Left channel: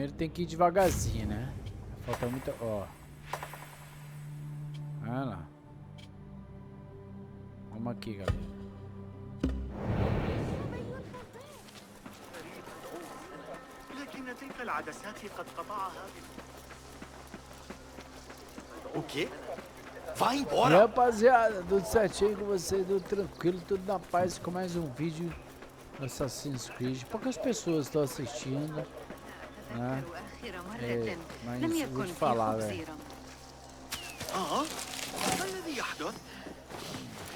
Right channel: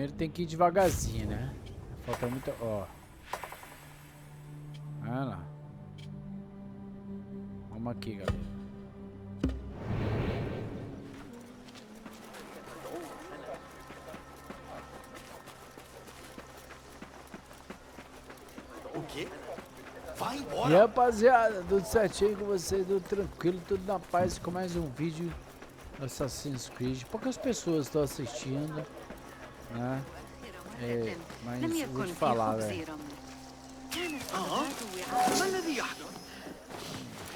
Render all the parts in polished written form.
Primeiro tem que ir devagarzinho, né? Falta muita... Ó. Olha lá. Vamos aqui, galera. O quê? Vai E embora! rapaziada, tudo certinho com vocês, tudo tranquilo, tudo na paz, com mais um vídeo do Assassin's Creed. Poucas pessoas estão assistindo, né? Mas vou te falar, velho. ما الذي يحدث؟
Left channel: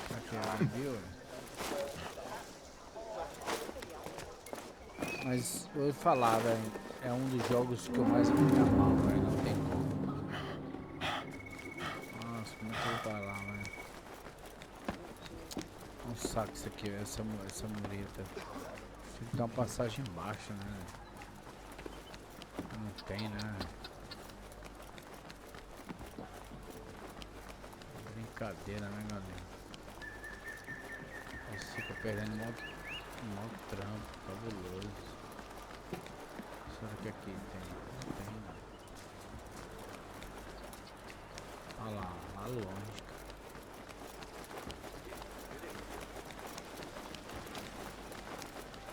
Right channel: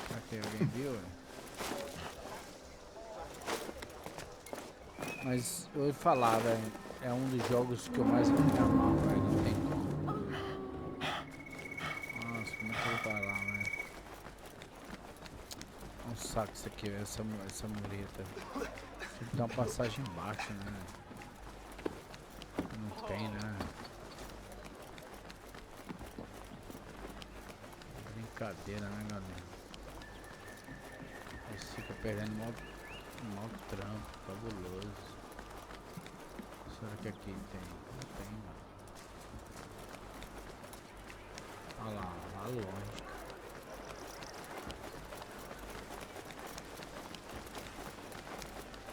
Será que alguém viu, velho? Mas eu vou te falar, velho. É um dos jogos que eu mais me amarro, velho. Não tem como. Nossa, como é que eu vou falar, velho? É um saco isso aqui, velho. Essa mureta. Tem que dar uma passagem embaixo, né? Não tem, né? Brincadeira, né, galera? Aí fica perdendo mó trampo, fabuloso. Será que aqui tem? Não tem, não. Olha lá, lá longe.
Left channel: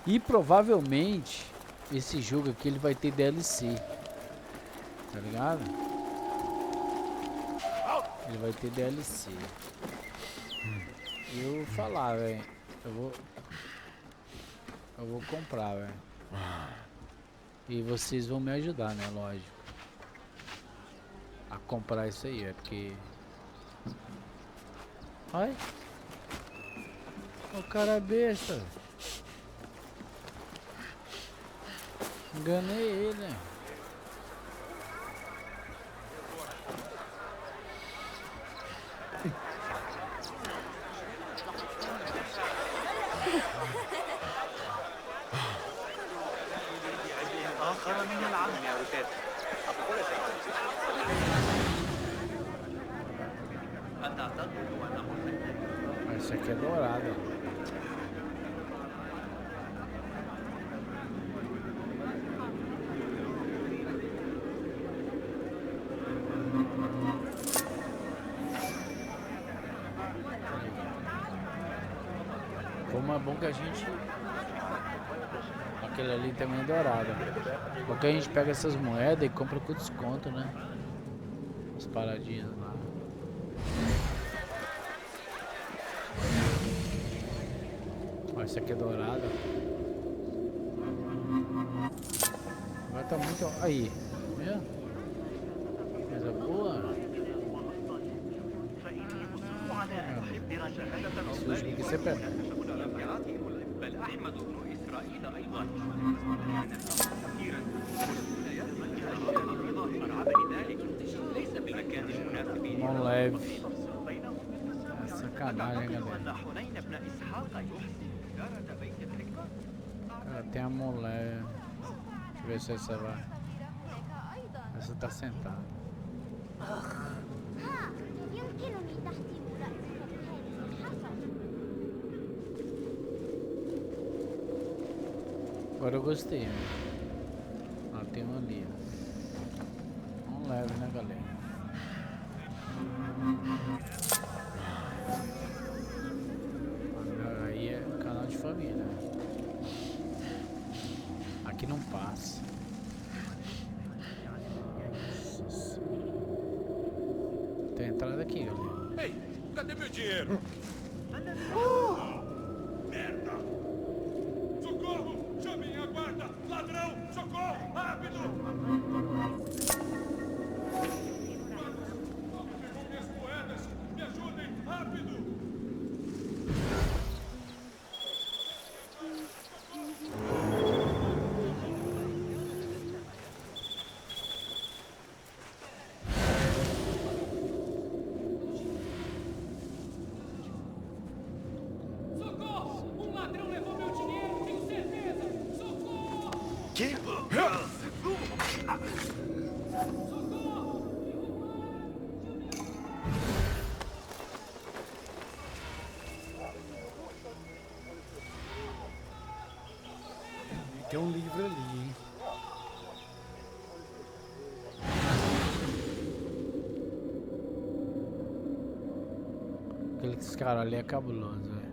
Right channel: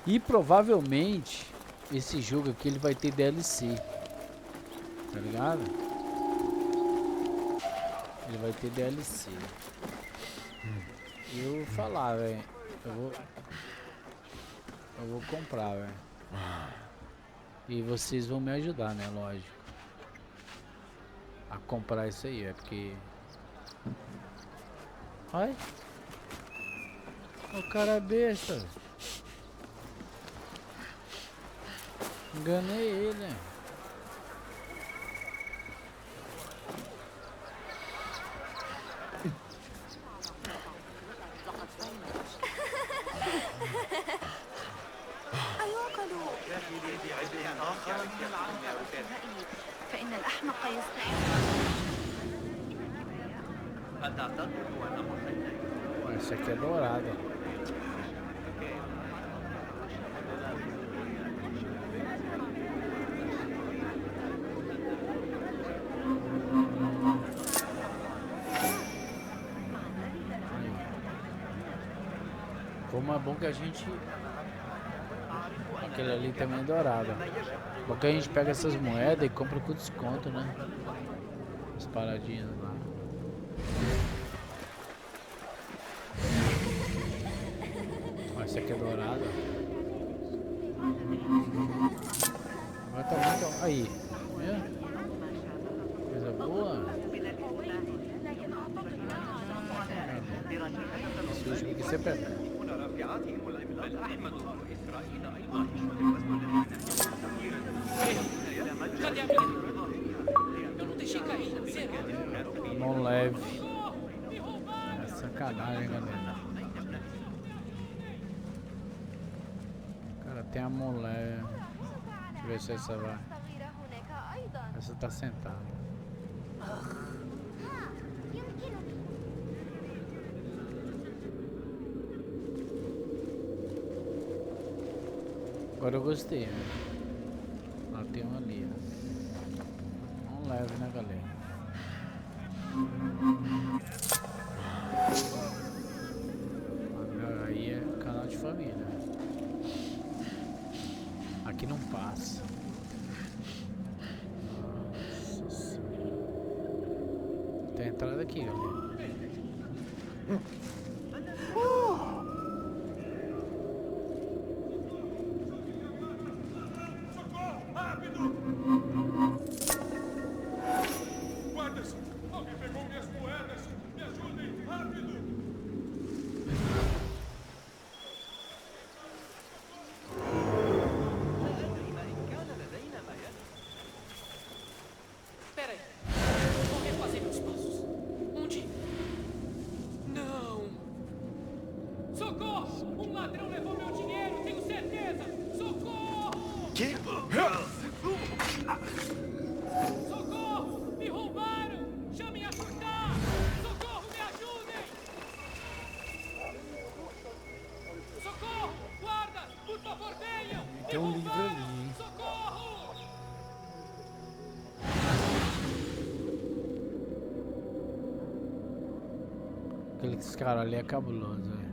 E provavelmente esse jogo aqui ele vai ter DLC. Tá ligado? Ele vai ter DLC. E eu vou falar, velho. Eu vou comprar, velho. E vocês vão me ajudar, né? Lógico. A comprar isso aí, é porque... Ai. O cara é besta. Enganei ele, né? آخر من العالم يا رفاق. أتعتقد أن حسين Essa aqui é dourada. Como é bom que a gente... Aquele ali também é dourado. Porque a gente pega essas moedas e compra com desconto, né? As paradinhas lá. Ó, essa aqui é dourada. Agora tá muito... Aí. Viu? Coisa boa. Esse último aqui sempre é bom. بل أحمد بن إسرائيل أيضا Mão leve. É sacanagem, galera. Cara, tem a mão leve. Deixa eu ver se essa vai. Essa tá sentada. Agora eu gostei, né? Lá tem um ali, ó. Um leve, né, galera? Aí é canal de família. Aqui não passa. Nossa senhora. Tem entrada aqui, galera. Ei, cadê meu dinheiro? Socorro! Chamem a guarda! Ladrão! Socorro! Rápido! Guardas! Alguém pegou minhas moedas! Me ajudem! Rápido! Socorro! Um ladrão levou meu dinheiro, tenho certeza! Socorro! Que? Socorro! Me roubaram! Chamem a socorro! Socorro, me ajudem! Socorro! Guarda! Por favor, venham! Tem um livro ali, hein? Socorro! Aqueles caras ali é cabuloso, velho.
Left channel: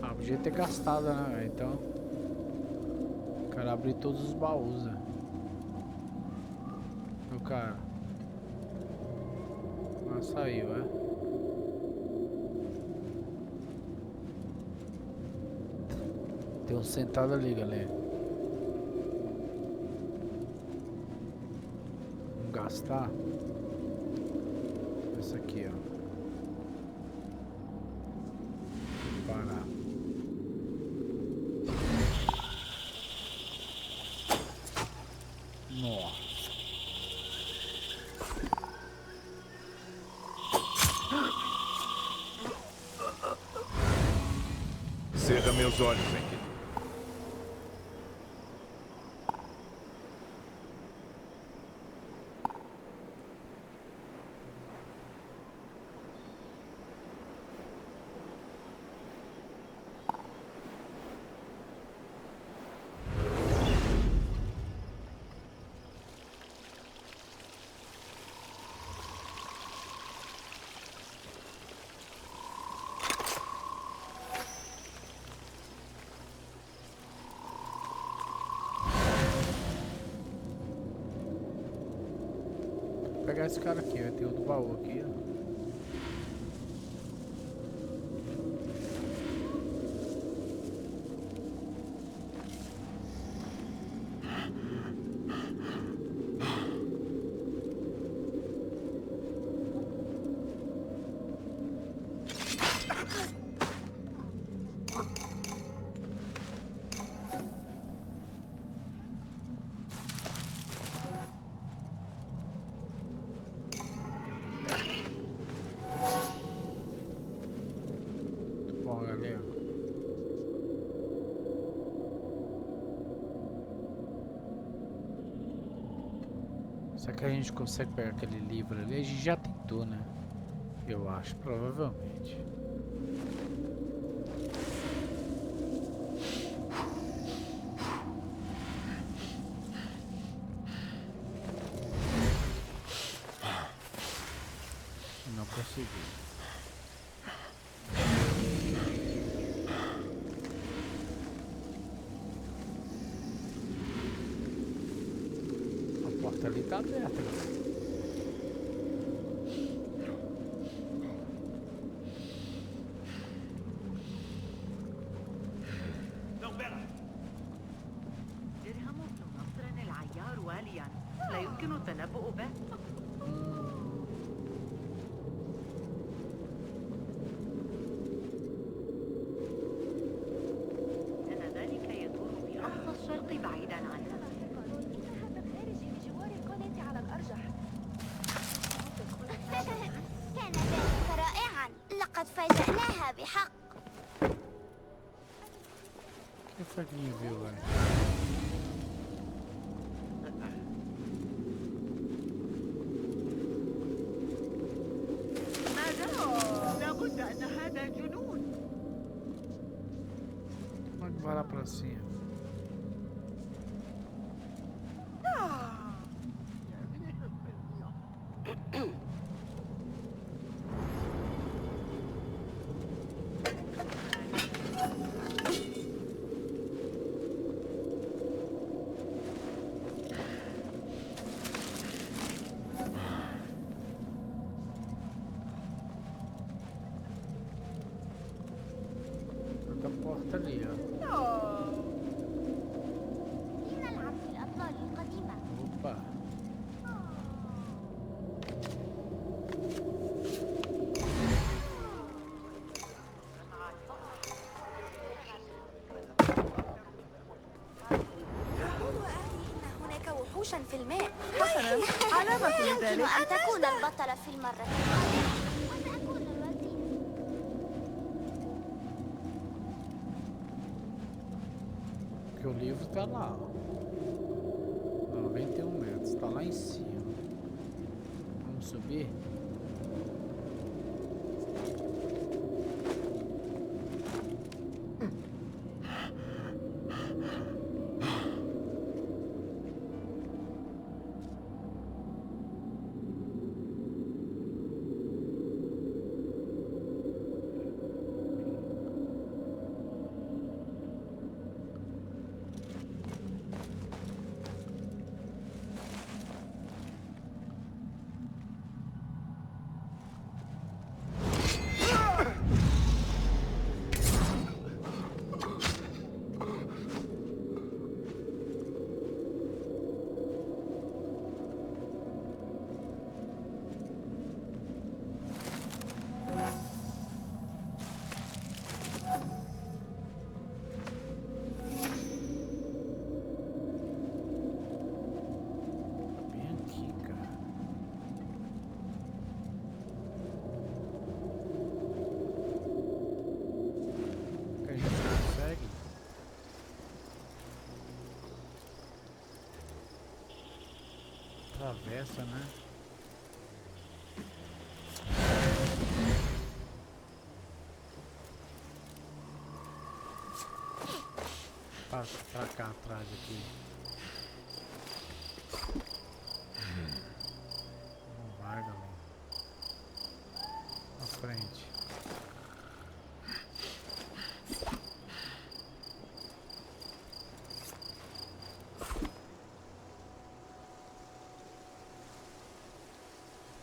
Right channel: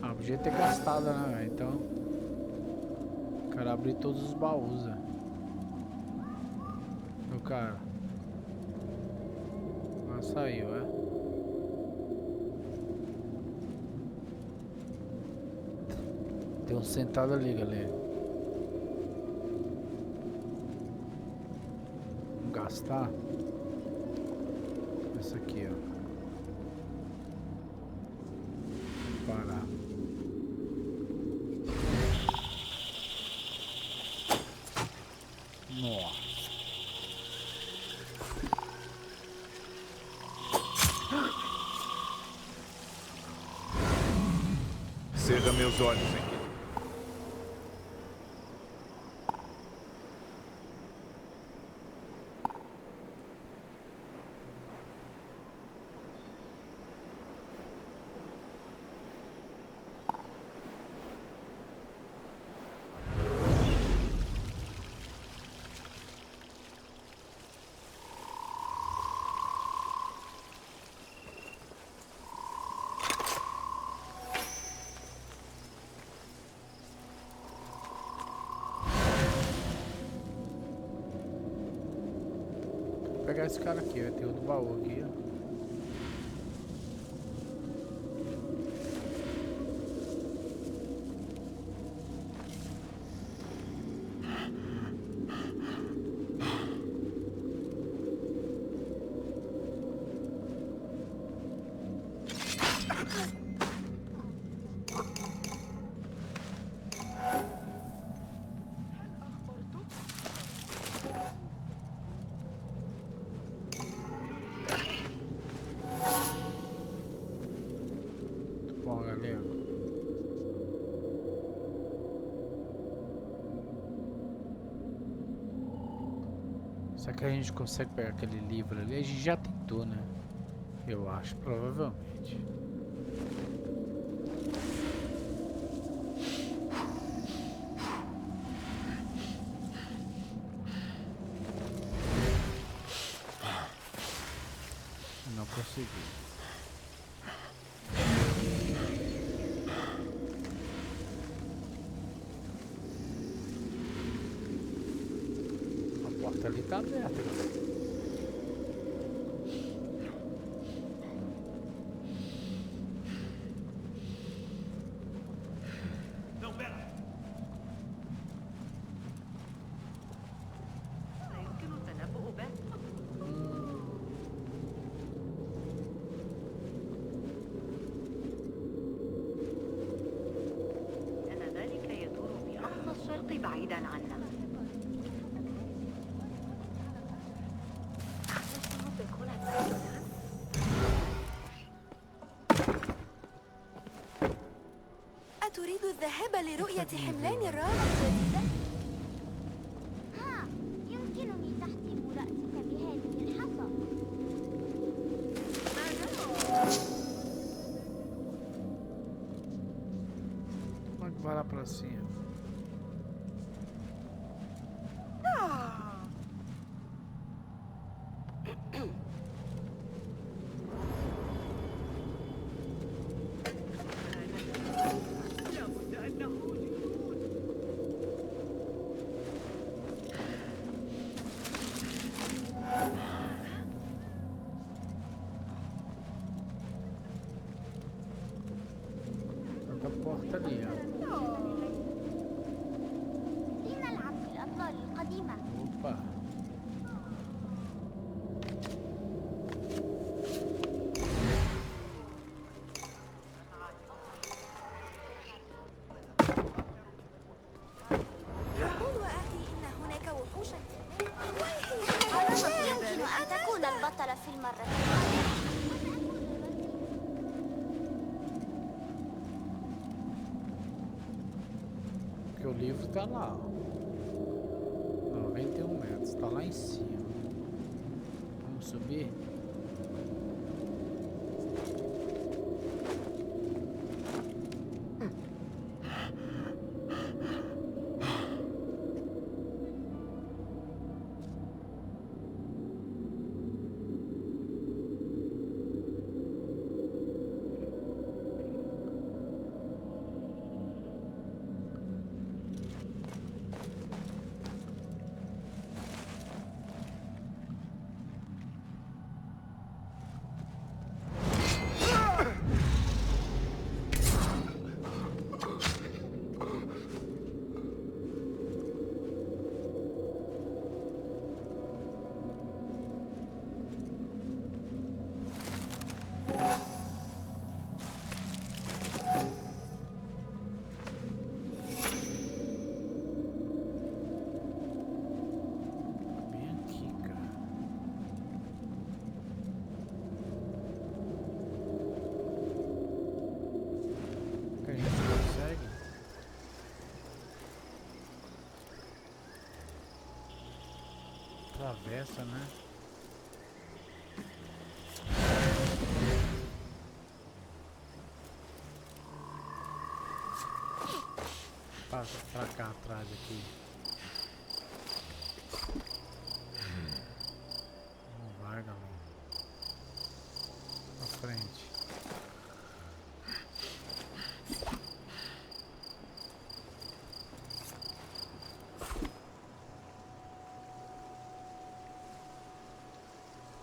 Ah, podia ter gastado, né, velho? Então, o cara abriu todos os baús, velho. O cara. Ah, saiu, é? Tem um sentado ali, galera. Vamos gastar. Esse aqui, ó. Vou parar. Nossa. Cerra meus olhos, Enki. Vou pegar esse cara aqui, ó. Tem outro baú aqui, ó. Bom, galera. Será que a gente consegue pegar aquele livro ali? A gente já tentou, né? Eu acho, provavelmente. Não consegui. A porta ali tá aberta, galera. Não, pera! لا يمكن التنبؤ به. إن ذلك يدور في أقصى الشرق بعيدا عنا. رائعا، لقد فاجأناها بحق. أتريد الذهاب لرؤية حملان الرائع؟ يمكنني تحقيق رأسك بهذه الحصى. ماذا؟ لابد أن هذا جنون. Pode vai lá pra cima. Outra porta ali, ó. لنلعب في الأطلال القديمة. Opa. يقول أخي إن هناك وحوشا في الماء. علامة يمكن أن تكون البطلة في المرة القادمة. وسأكون الوزير. o livro tá lá, ó. 91 metros, tá lá em cima. Vamos subir? Bem aqui, cara. Que a gente consegue. Atravessa, né? Pra cá atrás aqui. Não vai, galera. Pra frente.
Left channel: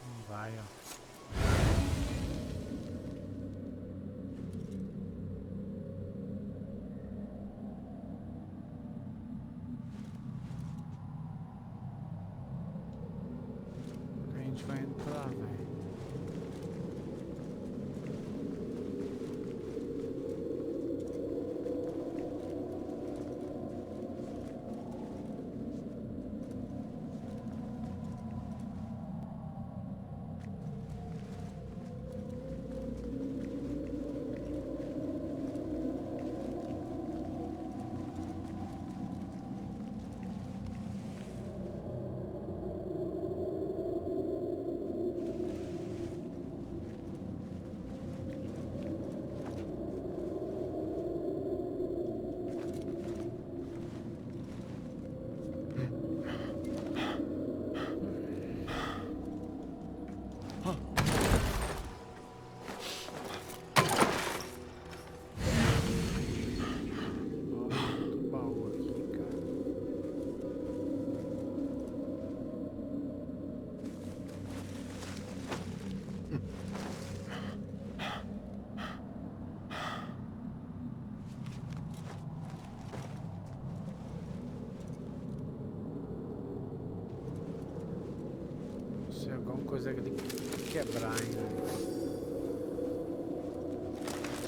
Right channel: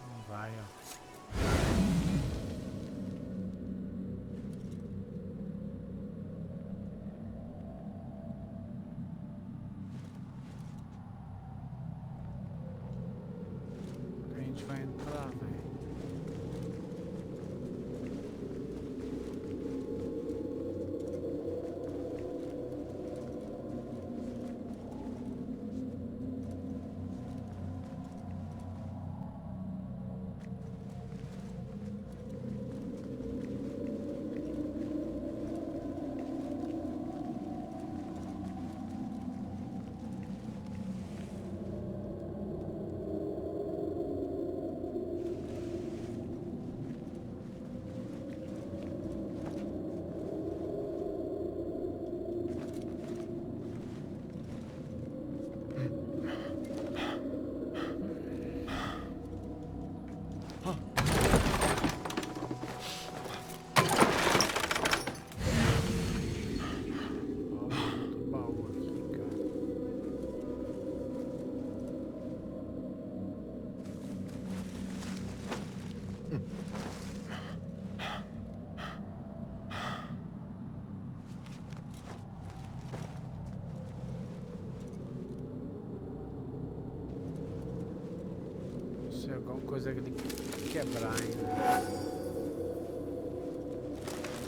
Não vai, ó. A gente vai entrar, velho. Ó, muito baú aqui, cara. Se alguma coisa que ele quebrar ainda.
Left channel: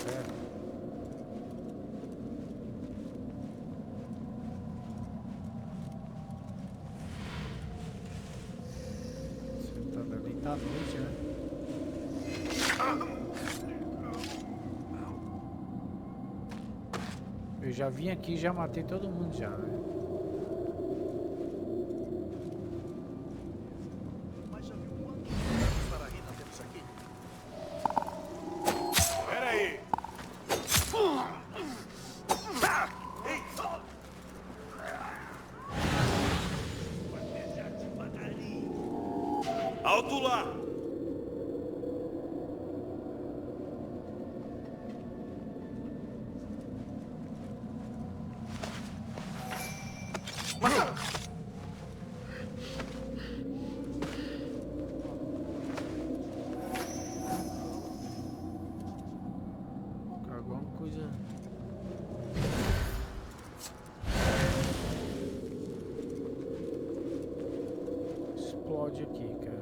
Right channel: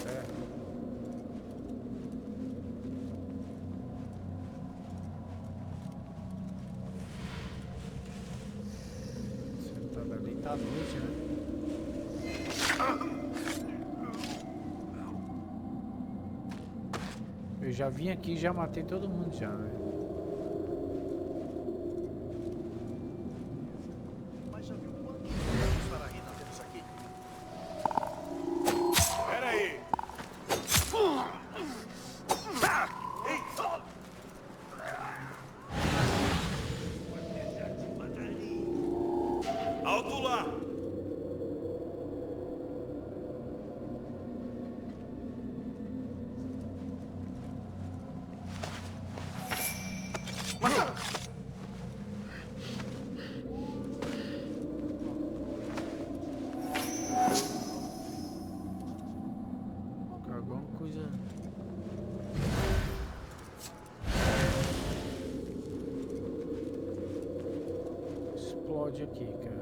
Certo? Sentado ali tá à noite, né? Eu já vim aqui e já matei todo mundo já, né? Mas já viu quantos anos Sarahina temos aqui? Peraí! Ei! Alto lá! Alguma coisa. Explode aqui, cara.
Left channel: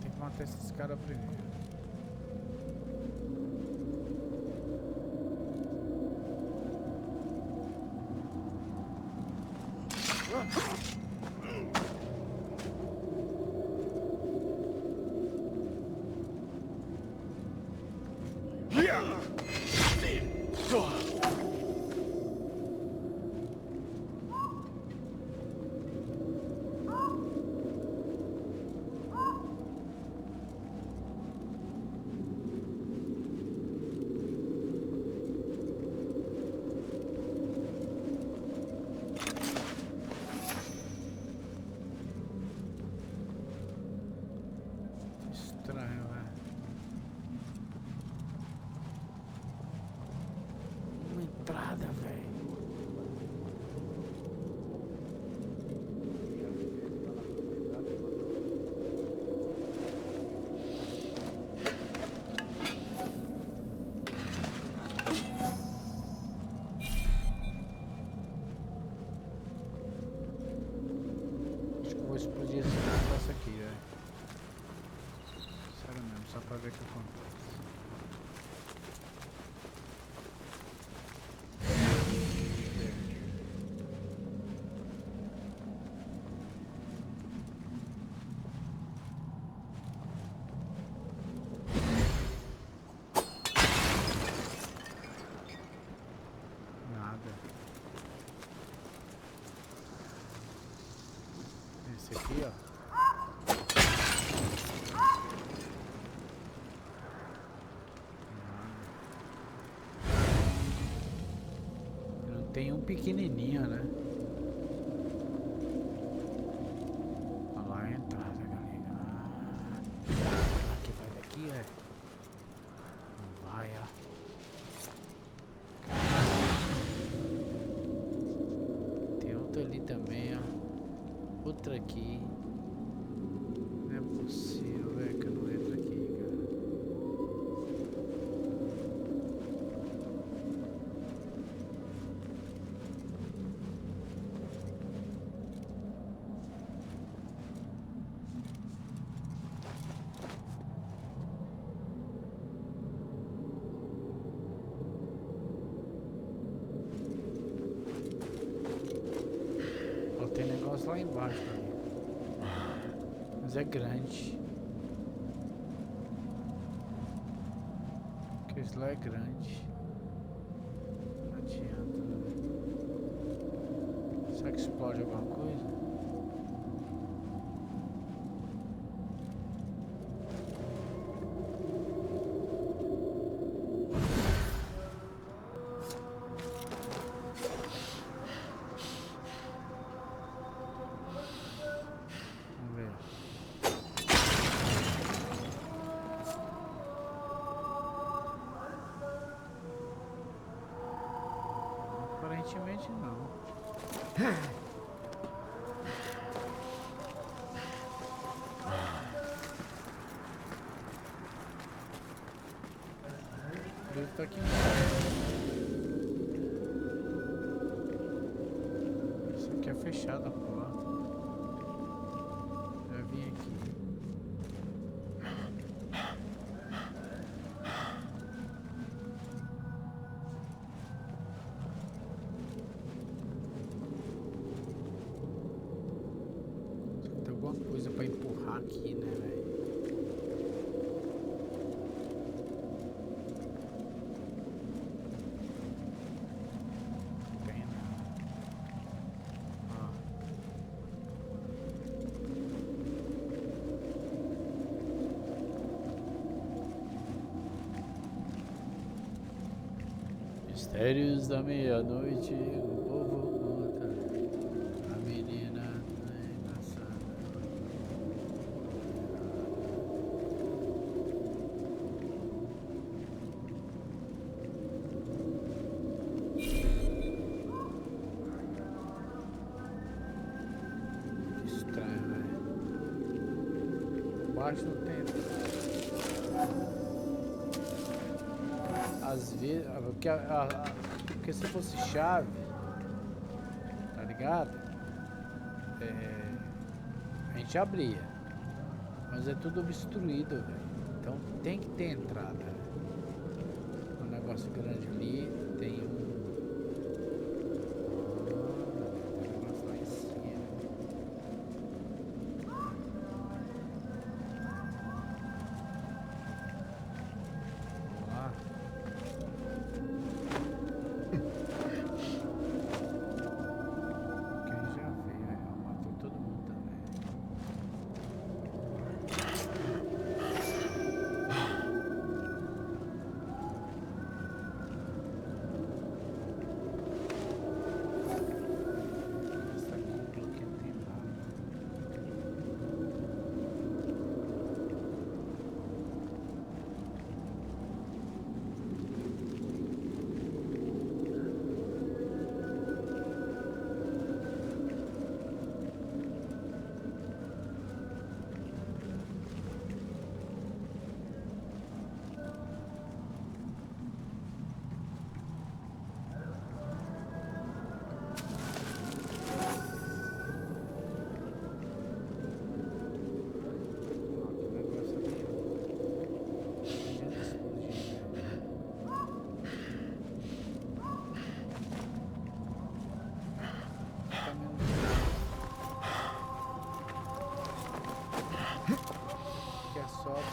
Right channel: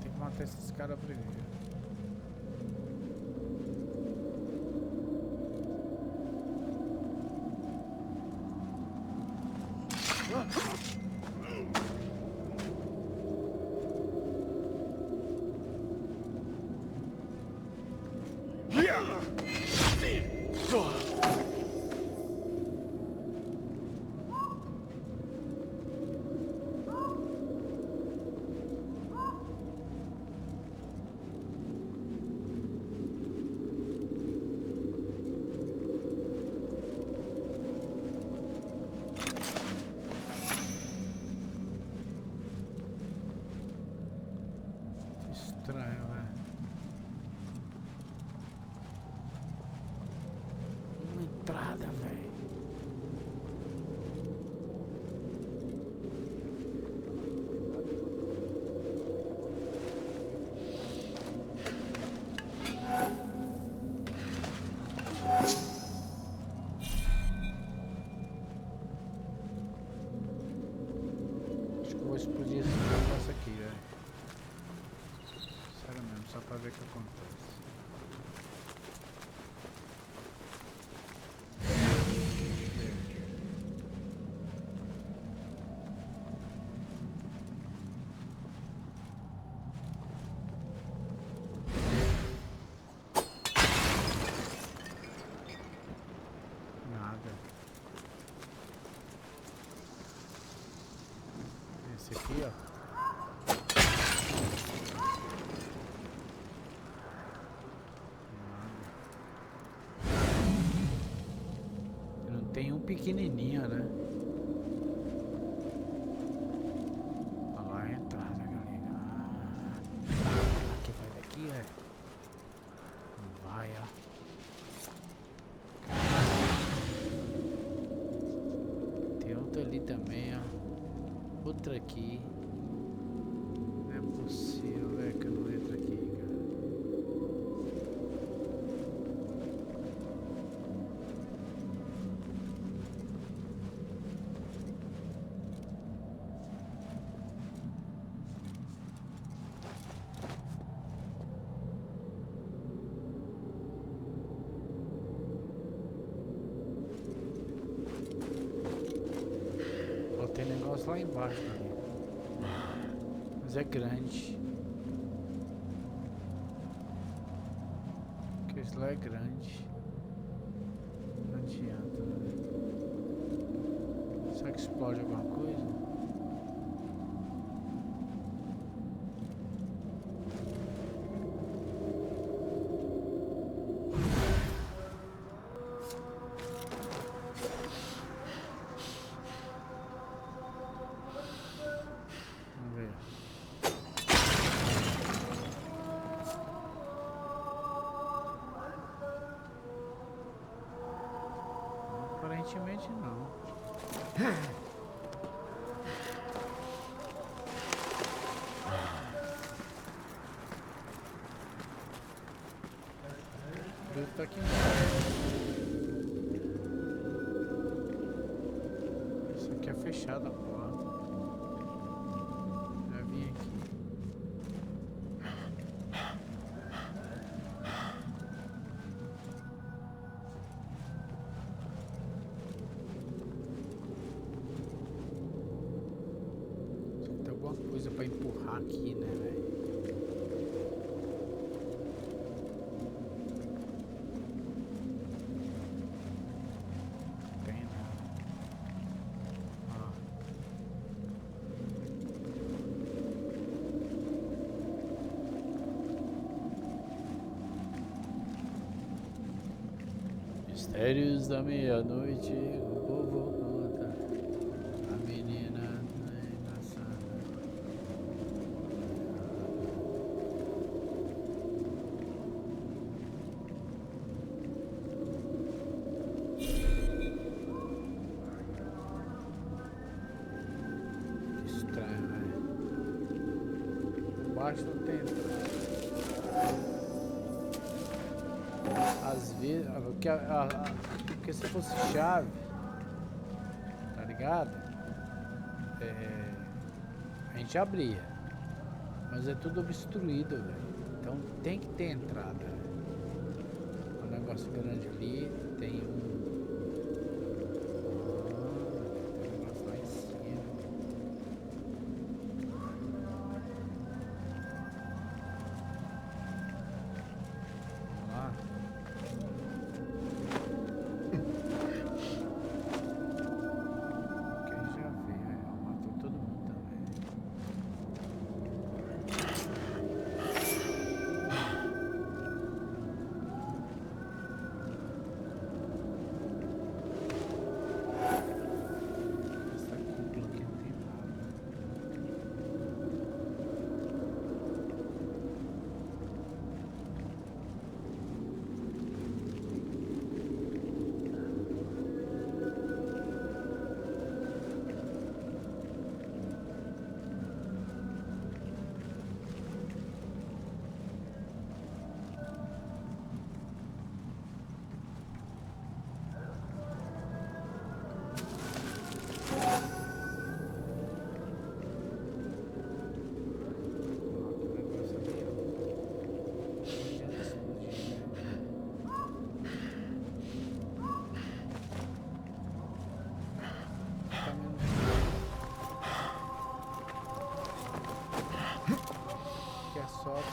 Tem que matar esses caras primeiro. vou explodir esse negócio aqui, velho. Sério mesmo, só pra ver o que acontece. Esse aqui, ó. Nada. Não tem um pequenininho, né? Olha lá a entrada, galera. Aqui vai daqui, é? Não vai, ó. Tem outro ali também, ó. Outra aqui. Não é possível, velho, que eu não entro aqui, cara. Ó, tem negócio lá embaixo ali. Mas é grande. Porque isso lá é grande. Não adianta, né? Será que explode alguma coisa? Vamos ver. Aparentemente não. Ele tá aqui embaixo. Isso aqui é fechado a porta. Já vim aqui. Tem alguma coisa pra empurrar aqui, né, velho? Tem nada. Ó. Mistérios da meia-noite, o povo conta. A menina tá engraçada. Que estranho, velho. Embaixo não tem entrada. Às vezes, porque se fosse chave, tá ligado? A gente abria, mas é tudo obstruído, velho. Então tem que ter entrada. Né? Um negócio grande ali, tem um. Tem um negócio lá em cima. Vamos lá. Quem já veio, aí, ó, matou todo mundo também.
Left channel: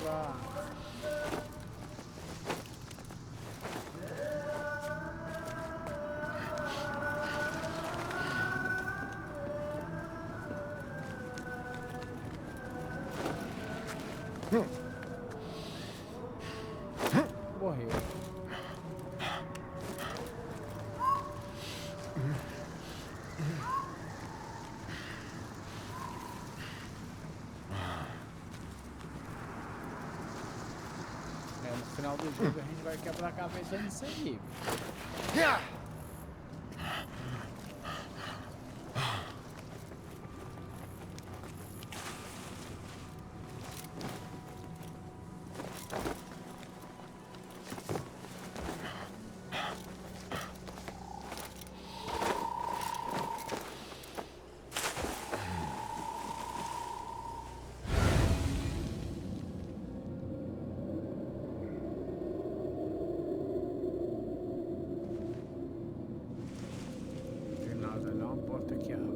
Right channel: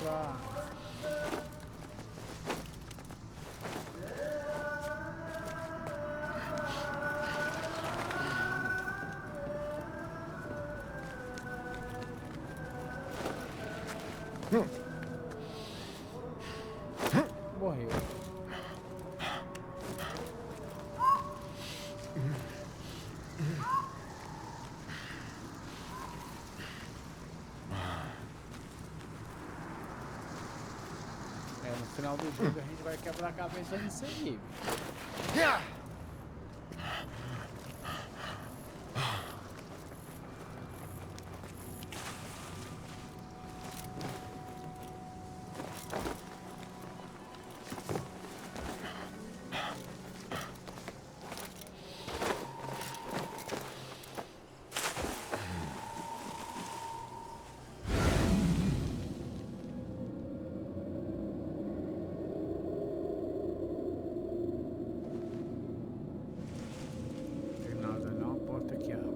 pra... Morreu. No final do jogo a gente vai quebrar a cabeça nisso aí. Porta que abre.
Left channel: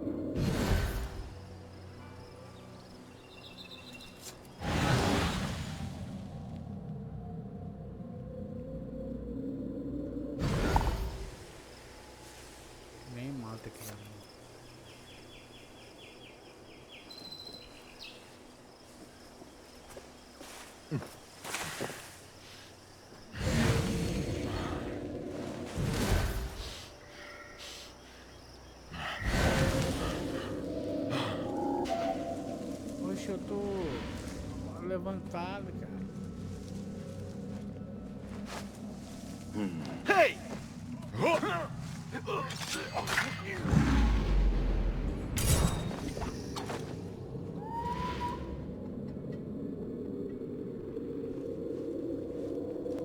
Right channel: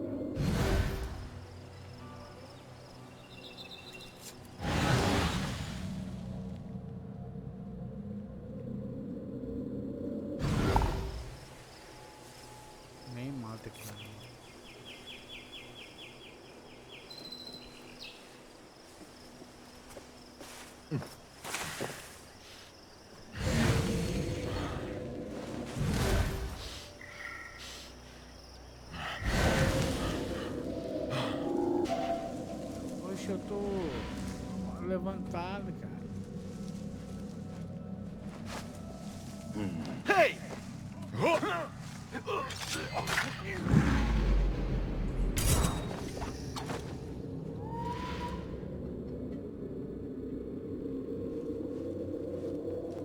Nem mata aqui. Eu tô levantado, cara. Hey!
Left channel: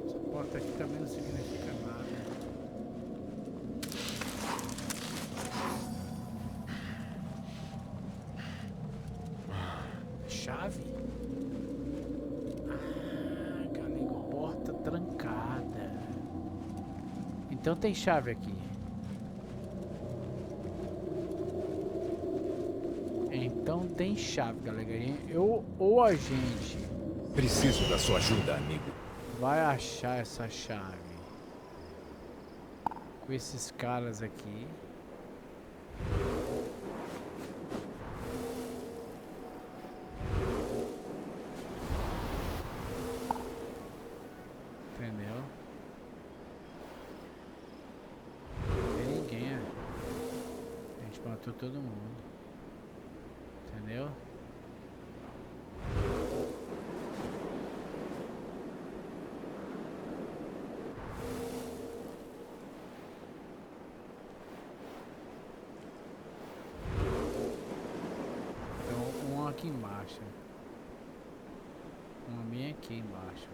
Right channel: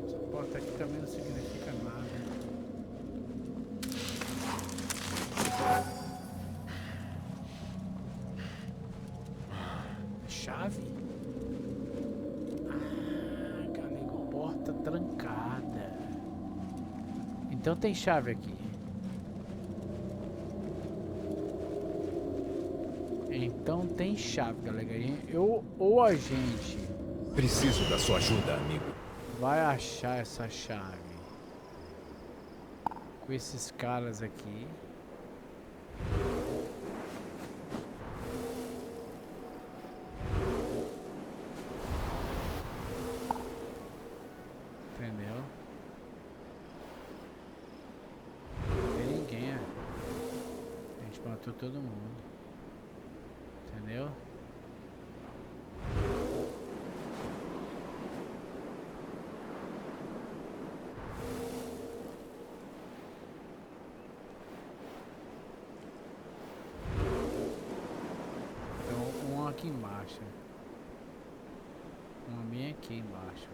Essa porta aqui também não significa nada. Chave? Ah, galego, porta trancada. Então tem chave aqui. Então tem chave, galera. Ou a gente Preciso da sua ajuda, amigo. vai achar essa chave com esses caras aqui. Entendeu? Não tem ninguém. A gente matou todo mundo. Entendeu? Então, um aqui embaixo. Uma bem aqui embaixo.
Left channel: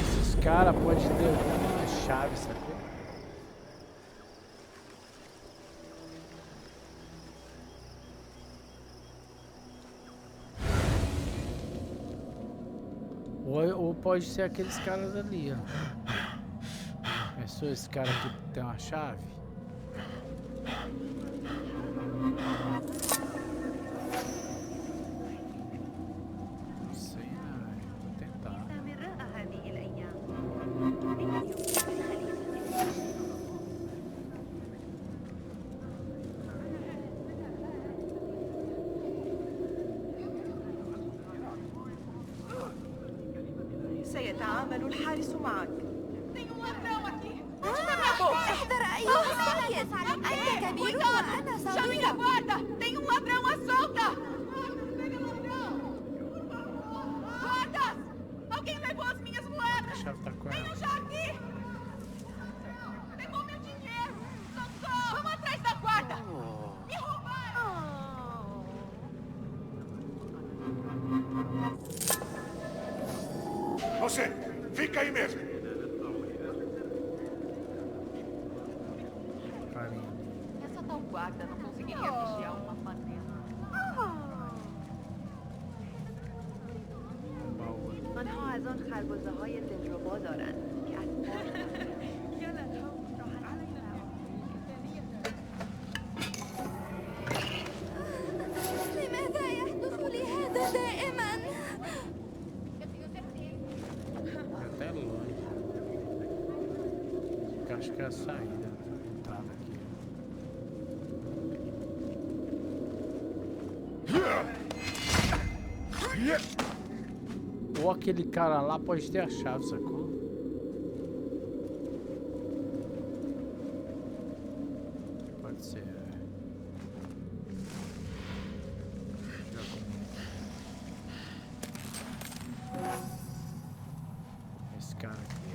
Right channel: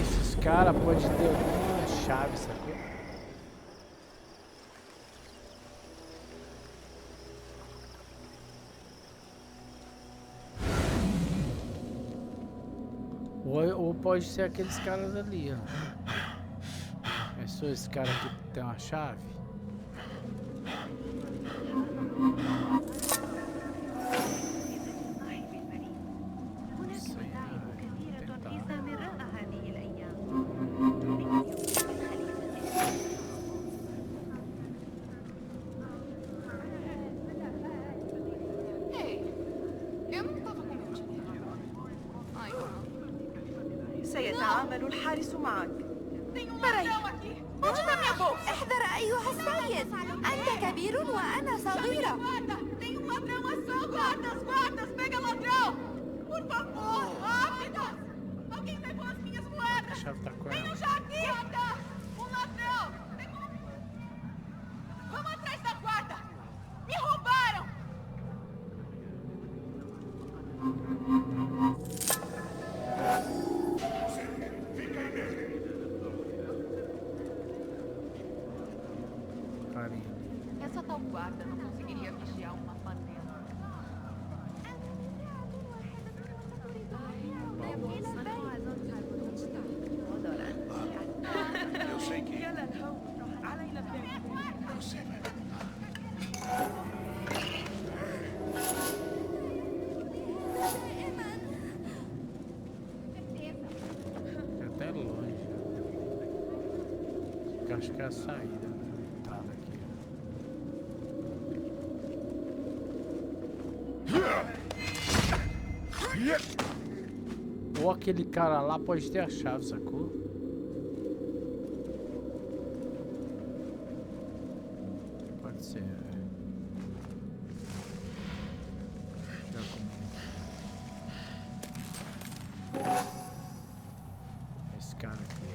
Esses caras podem ter alguma chave, sacou? Ou pode ser aqueles caras ali, ó. Pensou esse cara que tem uma chave? Não sei, vou tentar. سامراء هذه الأيام. لمن يمكن للخليفة سيتعامل الحارس معك. احذر أيها السيد، أنت كبير وأنا صغيرة. Tem um ladrão à solta! Guardas, pega ladrão! Por favor, guardas! Alguém levou as minhas moedas! A chave tá com ela. Venham já aqui! Um ladrão! Pegou meu dinheiro! Socorro! Vamos atrás da guarda! Me roubaram! Você, fica aí mesmo. Carinha. Essa tal guarda não conseguiria vigiar uma panela. دوستان خربزه های دلربا دارن. يلا الهو راح علينا لماذا يحدث لي هذا دائما؟ É até longe. Acho que é a saída, né? A entrada aqui. Ou aquele cara lá pode ter a chave, sacou? Pode ser. Já como... Esse cara aqui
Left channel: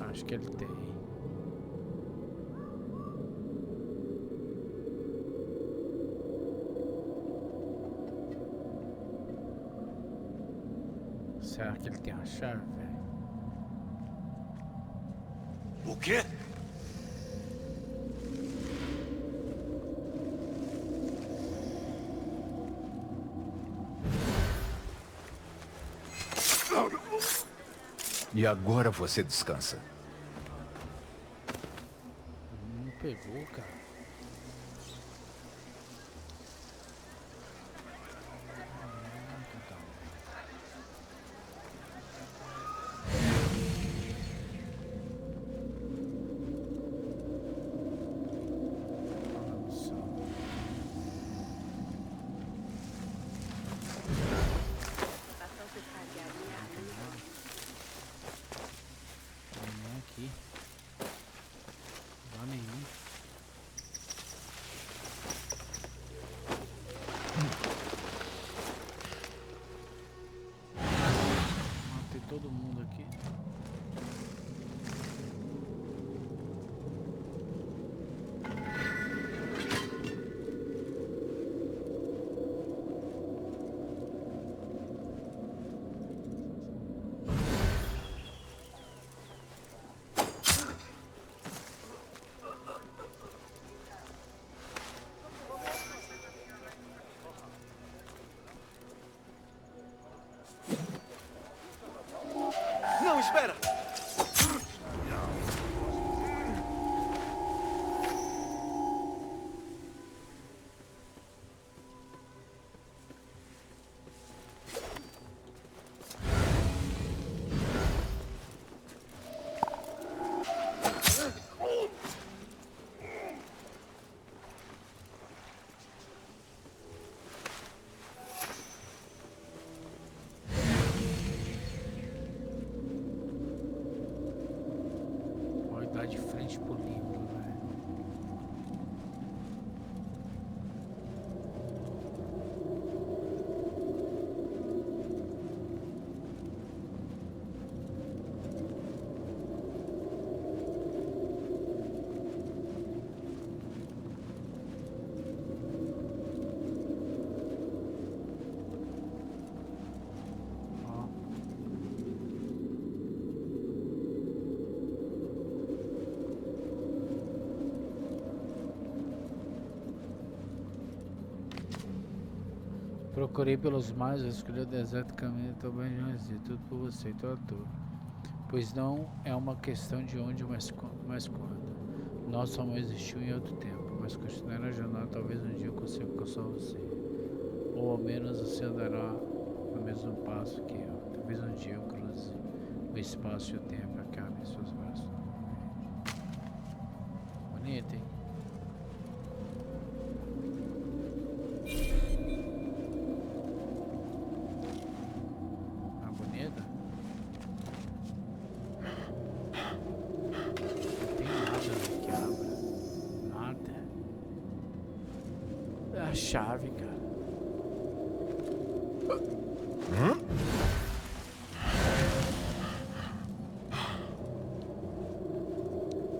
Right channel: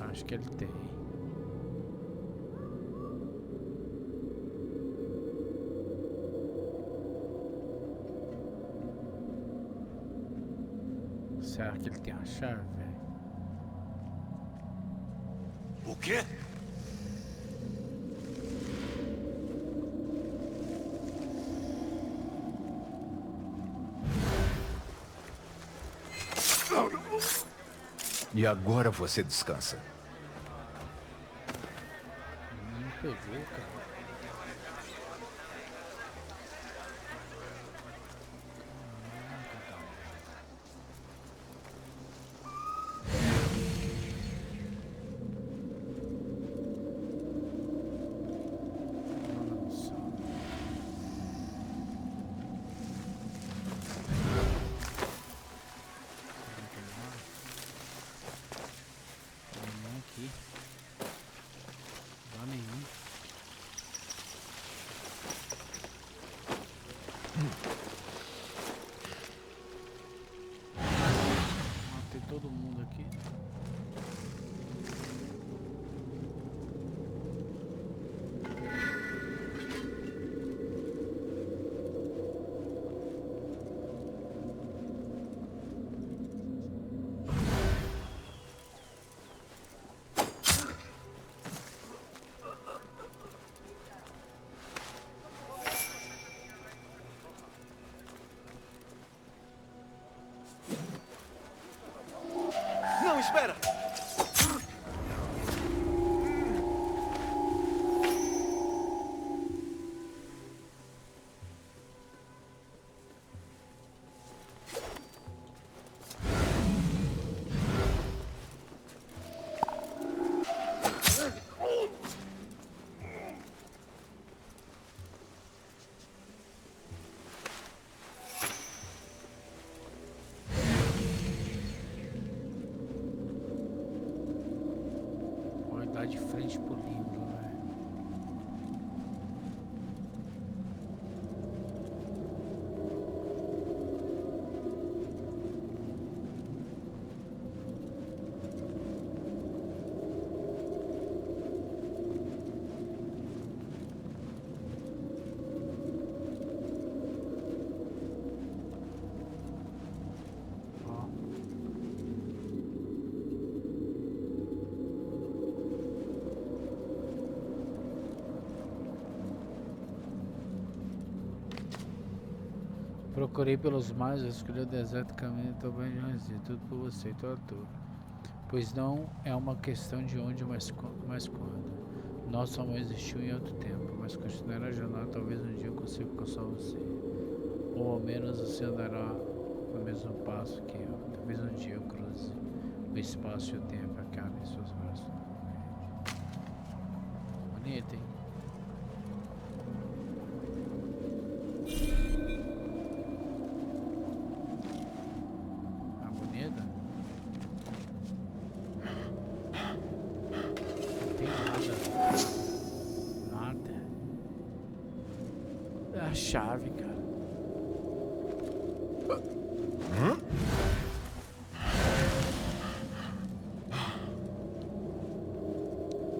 é... Acho que ele tem. Será que ele tem a chave, velho? O quê? E agora você descansa. Não pegou, cara. Aqui. Não há nenhum. Matei todo mundo aqui. Não, espera! Dar de frente pro livro, velho. Ó. Procurei pelos mares, escolhi o deserto, caminho, também de tudo por você, então à toa. Pois não é uma questão de onde, mas quando. Nosso amor existiu em outro tempo, mas continuará a jornada, talvez um dia eu consiga alcançar você. Ou ao menos você andará no mesmo passo que eu. Talvez um dia eu cruze o espaço e o tempo, acabe em seus braços novamente. Bonito, hein? Bonita? Não tem nada aqui, nada. É a chave, cara.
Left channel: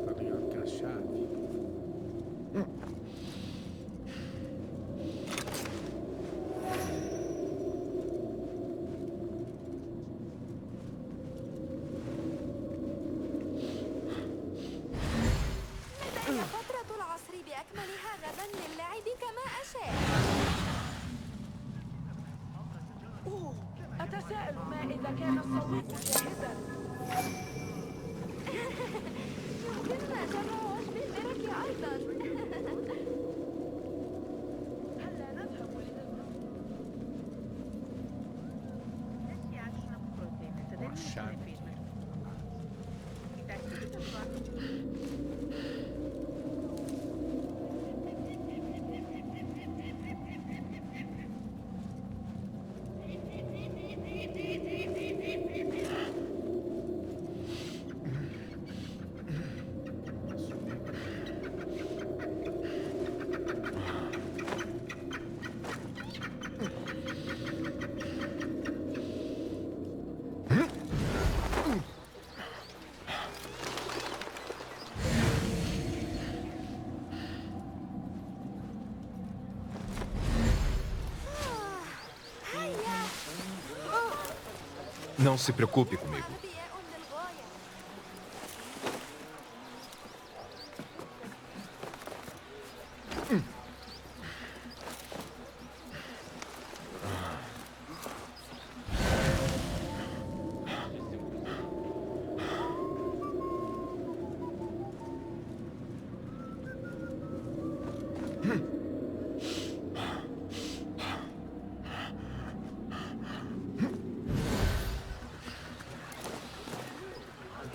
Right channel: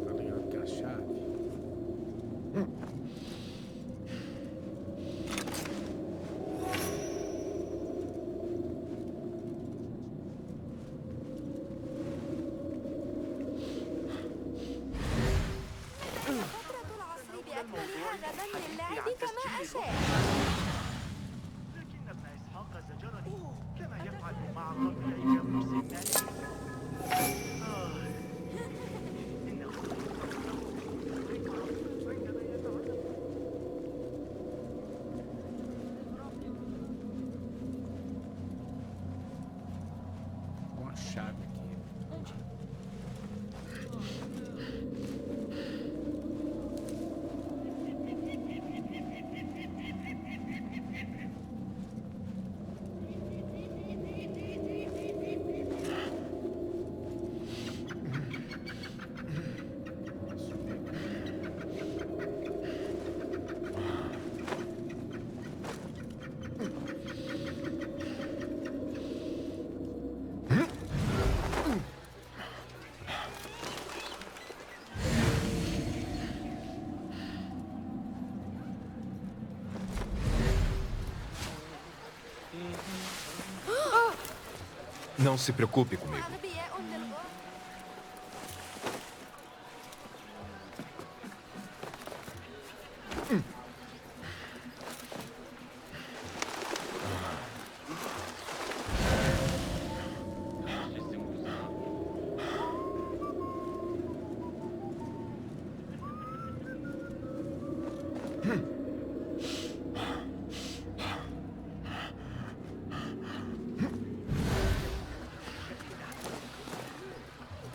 Tá ligado que é a chave? فترة العصر بأكملها غدا للعب كما أشاء. chave aqui. Não se preocupe comigo. أغبياء للغاية.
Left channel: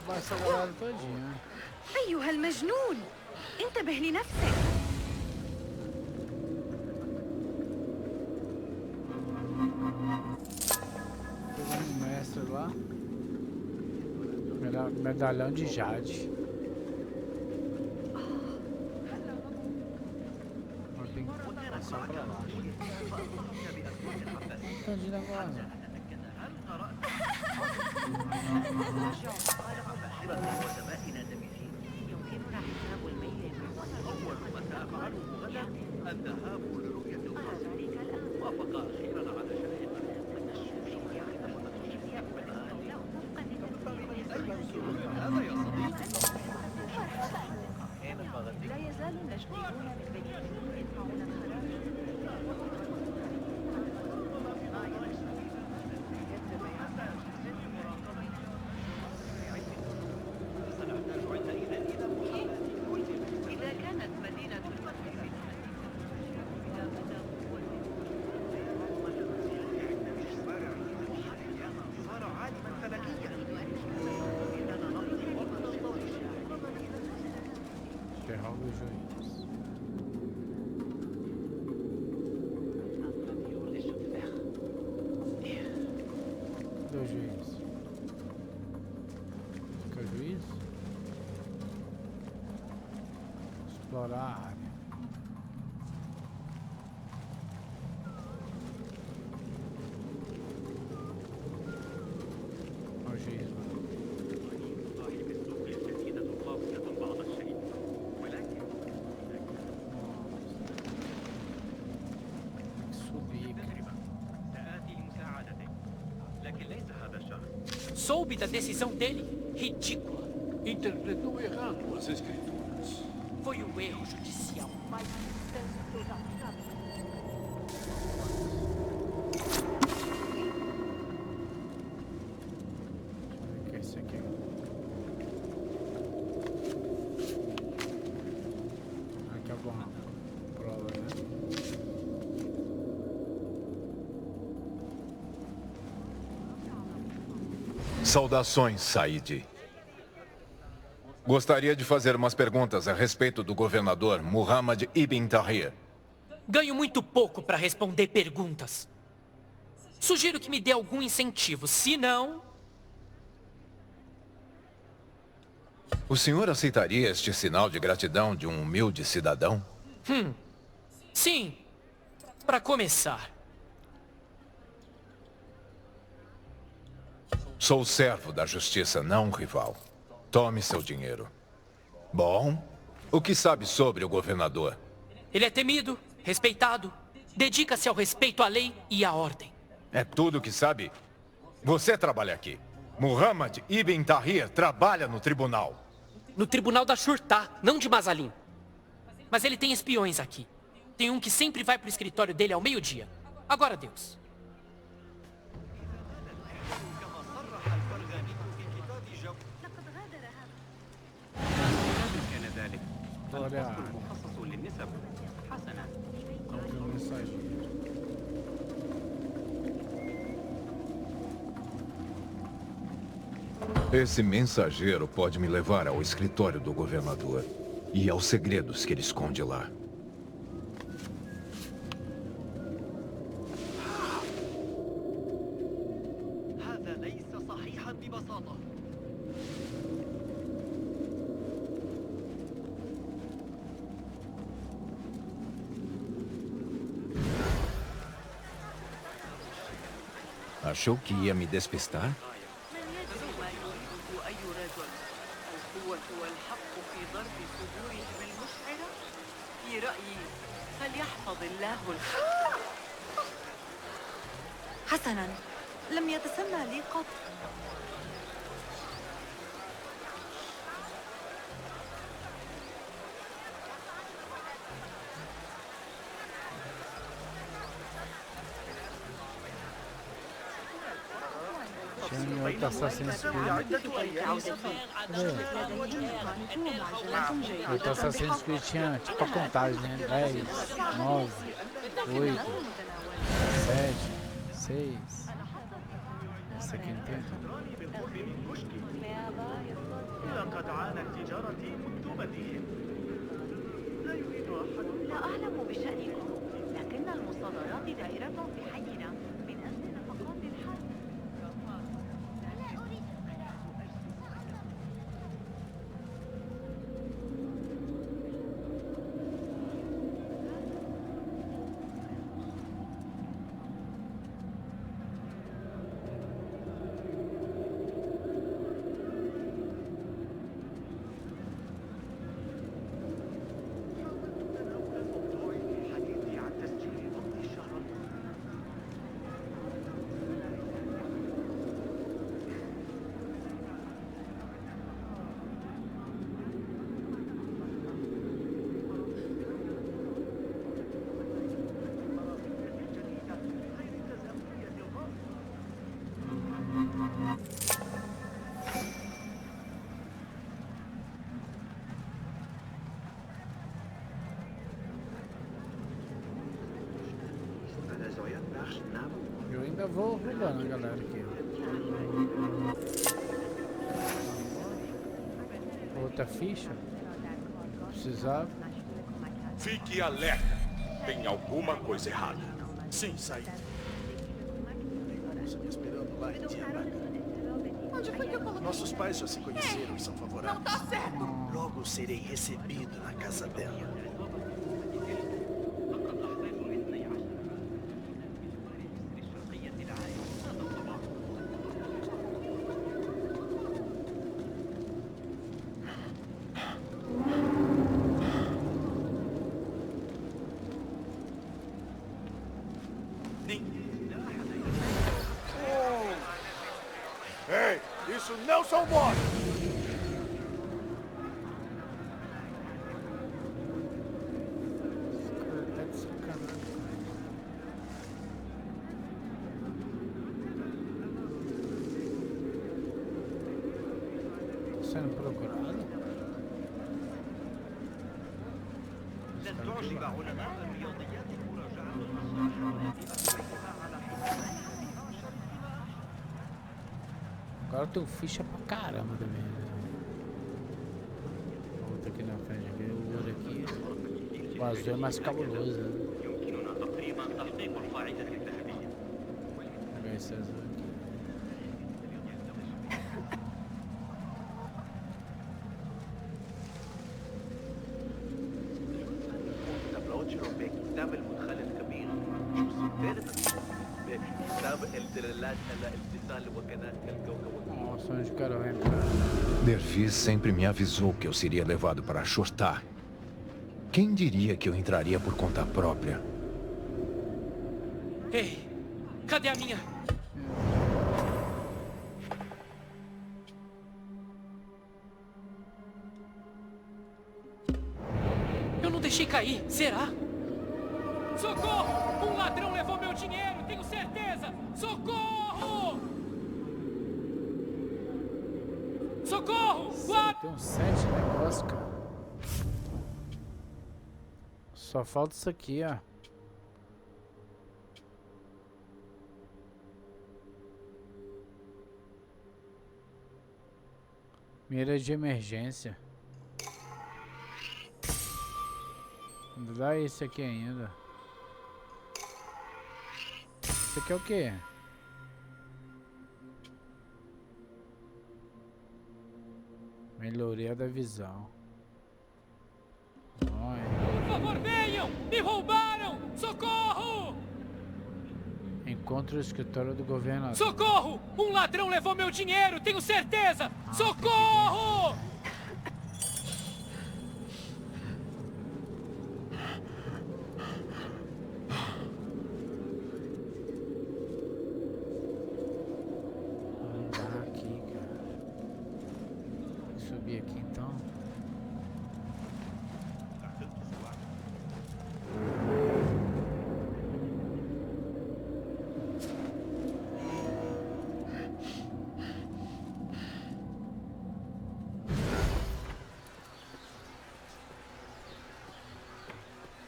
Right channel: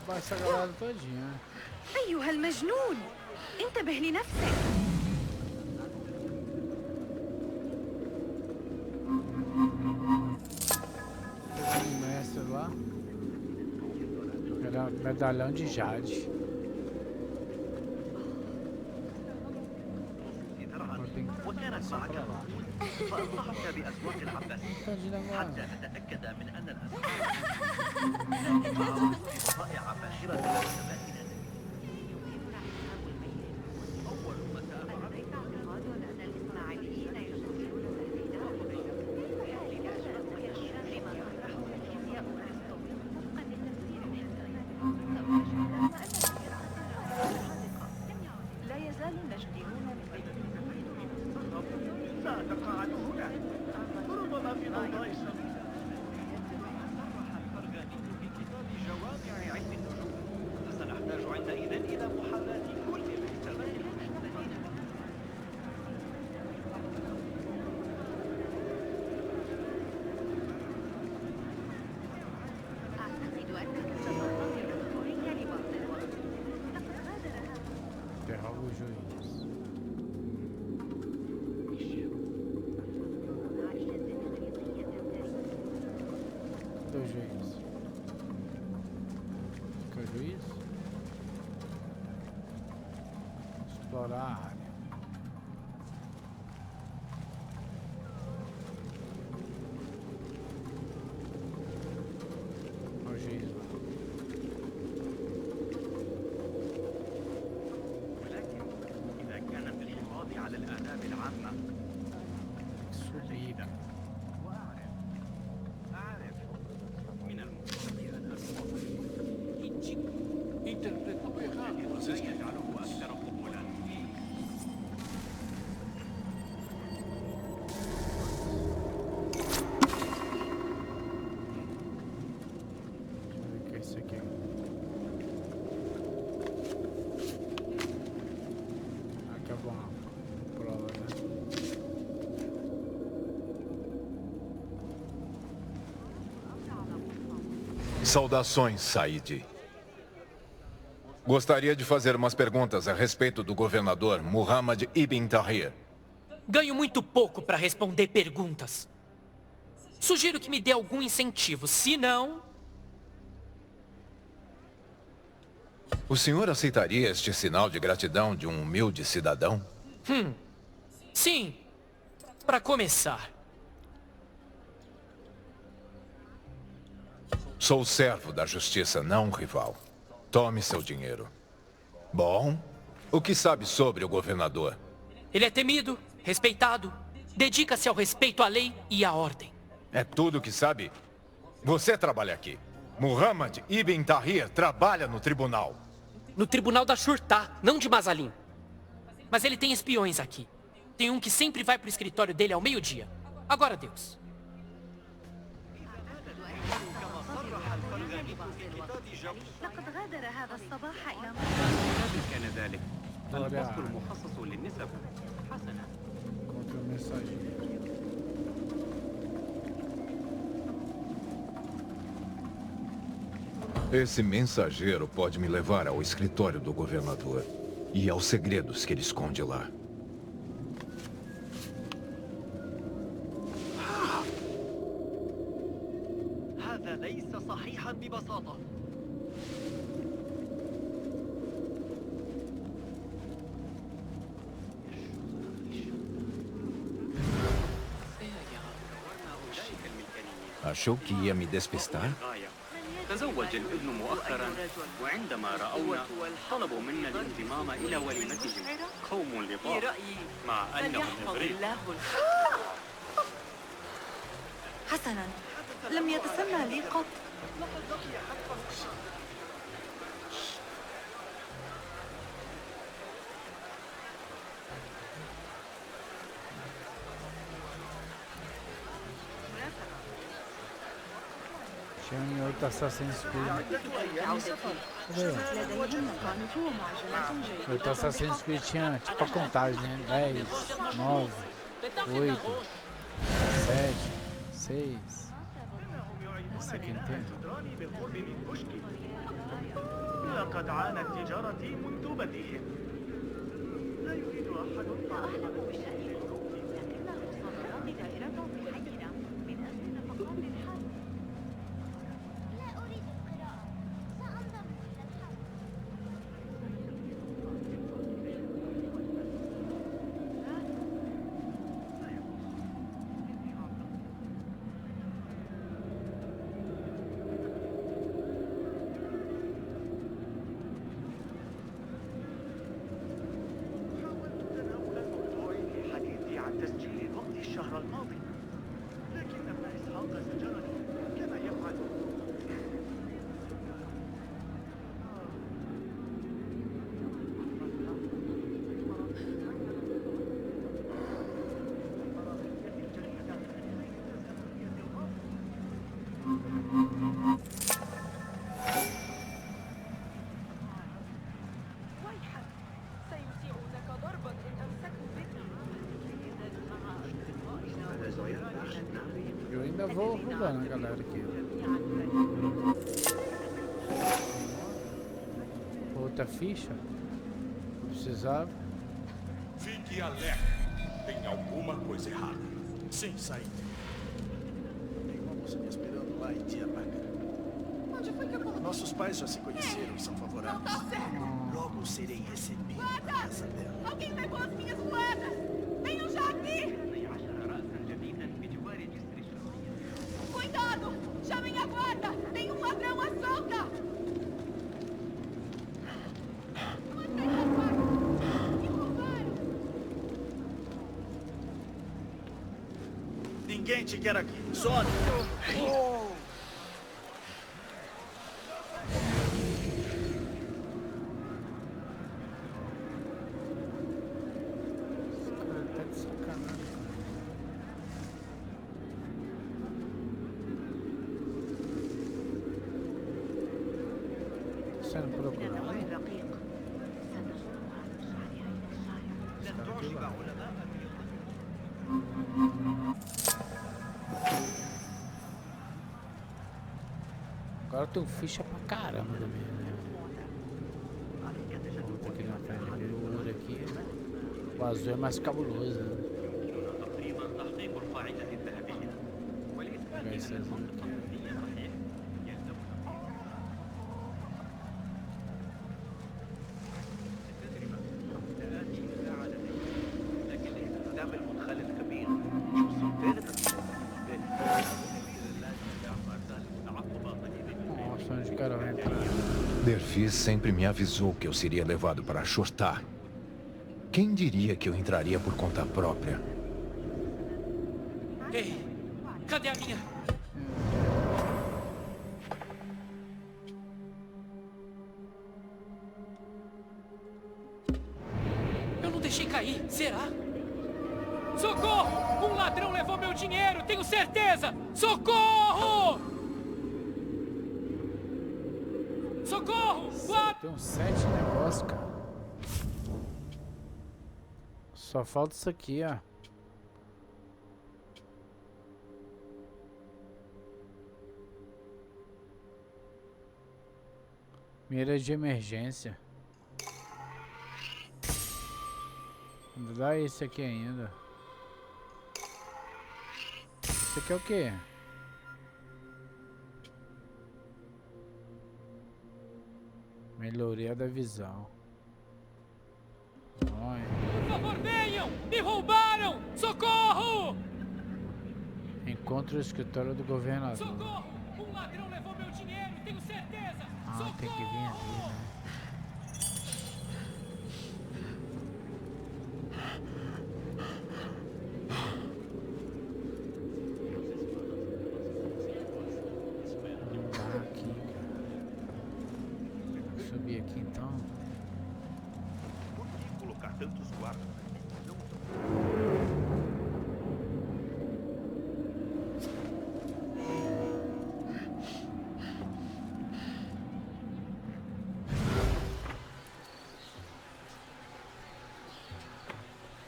Vai essa galera todinha. أيها المجنون انتبه لنفسك. Pegando um mestre lá. Medalhão de Jade. Eu tenho que passar pra lá. فأنصحك بأسواق العباسية Entendi agora. تتأكد من أن رائعة فاخرة وزبائن نبيذين. يمكننا حساب الميل نحو أول ما سأفعله غدا الذهاب وافق لا يزال النجديون من بين سنحتاج عندئذ إلى محاولات كل إذا كانت مدينة Derruba o juiz. Cadê o juiz? Fica o juiz? Explorar a área. Olha o juiz lá. Subir, cara. Soube da decisão dele? Ridícula. Interpretou errado as escrituras. Foi um erro judicial. Deixa eu ver o que é isso aqui. Aqui é bom. Prova, né? Saudações, Said. Gostaria de fazer umas perguntas a respeito do governador Muhammad Ibn Tahir. Ganho muito pouco para responder perguntas. Sugiro que me dê algum incentivo, se não... O senhor aceitaria este sinal de gratidão de um humilde cidadão? Sim, para começar. Sou servo da justiça, não um rival. Tome seu dinheiro. Bom, o que sabe sobre o governador? Ele é temido, respeitado, dedica-se ao respeito à lei e à ordem. É tudo o que sabe? Você trabalha aqui. Muhammad Ibn Tahir trabalha no tribunal. No tribunal da Shurta, não de Mazalim. Mas ele tem espiões aqui. Tem um que sempre vai pro escritório dele ao meio-dia. Agora Deus. لقد غادر هذا الصباح إلى كان ذلك Olha, الفصل المخصص للنسب حسنا encontrei um mensageiro. Esse mensageiro pode me levar ao escritório do governador e aos segredos que ele esconde lá. هذا ليس صحيحا ببساطة. Achou que ia me despistar? تزوج الابن مؤخرا وعندما رأونا طلبوا منا الانضمام إلى وليمة قوم في نضال رأيي مع فليحفظ أنهم الله حسنا، لم يتسنى لي قط. Tinha em outro Assassin's Creed. Outro Assassin's Creed tinha tipo a contagem, né? 10, 9, 8, 7, 6. Esse aqui não tem. لقد عانت تجارتي منذ بدئهم. لا يريد أحد. لا أعلم بشأنكم، لكن المصادرات دائرة في حينا من أجل نفقات الحرب. لا أريد القراءة. سأنضم إلى الحرب. حاولت تناول الموضوع في حديثي عن تسجيل وقت الشهر الماضي. لكن أصحاب السجن كما يفعلون. Eu ainda vou roubando a galera aqui. Outra ficha. Precisava. Fique alerta. Tem alguma coisa errada. Sim, saí. Tem uma moça me esperando lá em Diyarbakir. Onde foi que eu coloquei? Nossos pais já se conheceram e são Não favoráveis. tá certo. Logo serei recebido na casa dela. Alguém levou as minhas moedas. Venham já aqui. Cuidado. Chamem a guarda. Tem um ladrão à solta. Ninguém te quer aqui. Sobe. Ei, isso não são bolas. Esse cara tá de sacanagem, cara. Sendo procurado? Esse cara aqui vai. Agora eu tenho ficha pra caramba também, né? Outra aqui na frente, aqui, o ouro aqui. O azul é mais cabuloso, né? يمكننا تقريبا تحقيق القاعدة الذهبية. Vou pegar esse azul aqui. كتاب المدخل الكبير شو الثالث كتاب الدرلات الاتصال وكذا. Nossa, onde o cara vai entrar? Dervis sempre me avisou que eu seria levado para Shortá. Quem diria que eu entraria por conta própria? Ei, cadê a minha? Eu não deixei cair, será? Socorro! Um ladrão levou meu dinheiro, tenho certeza! Socorro! Socorro! Tem uns 7 negócios, cara. Só falta isso aqui, ó. Mira de emergência. Ainda dá esse aqui ainda. Esse aqui é o quê? Melhoria da visão. Olha. Por favor, venham! Me roubaram! Socorro! Encontre o escritório do governador. Socorro! Um ladrão levou meu dinheiro, tenho certeza! Ah, Socorro! Não dá aqui, cara. Vou subir aqui então. Colocar tantos guardas.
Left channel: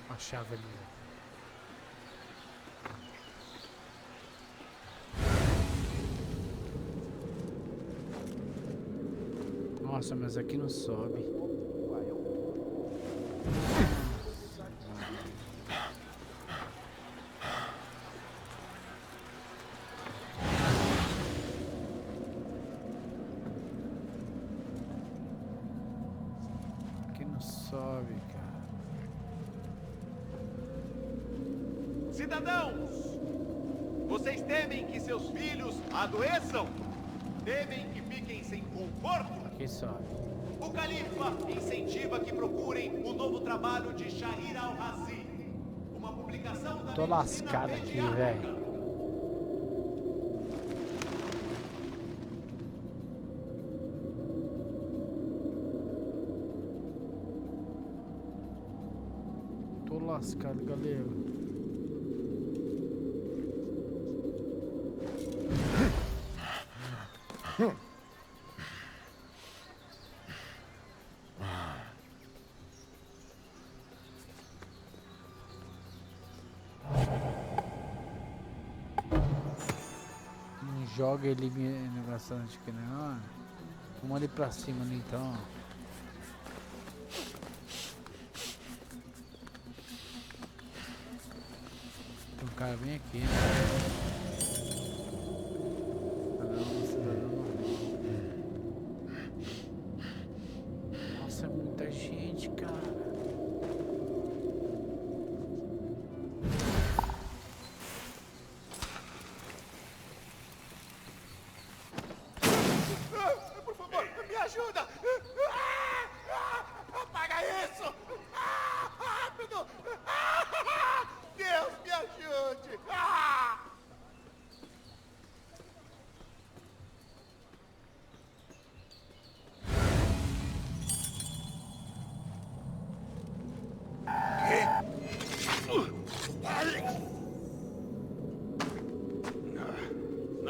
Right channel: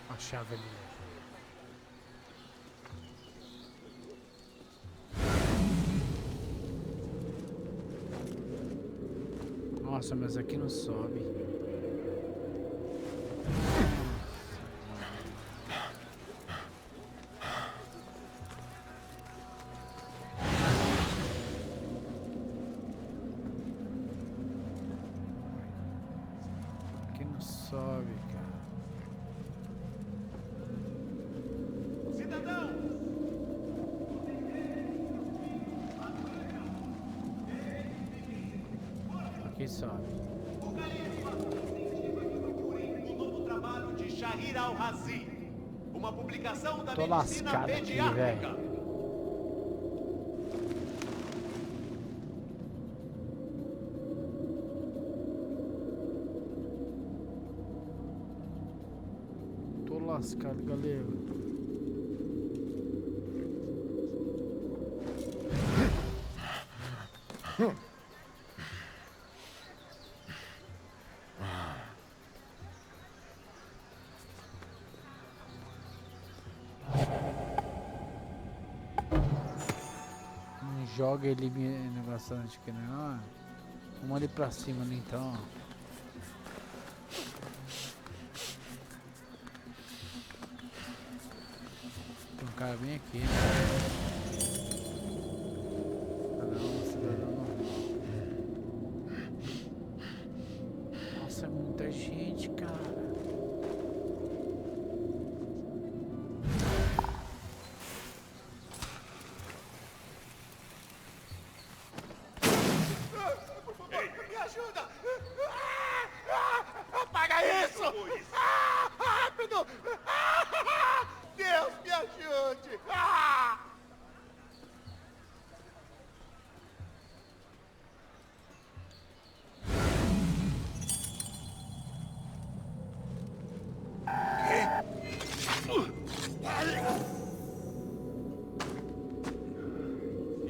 A chave ali. Nossa, mas aqui não sobe. Aqui não sobe, cara. Cidadãos! Vocês temem que seus filhos adoeçam? Temem que fiquem sem conforto? Aqui sobe. O Califa incentiva que procurem o novo trabalho de Shahir al-Razi, uma publicação da Tô medicina lascado aqui, pediátrica. velho. Tô lascado, galera. Não joga ele negócio antes que não. Vamos ali pra cima ali então. Tem um cara bem aqui, né? Ah não, cidadão normal. Nossa, é muita gente, cara. Por favor, me ajuda! Apaga isso! Rápido! Deus, me ajude!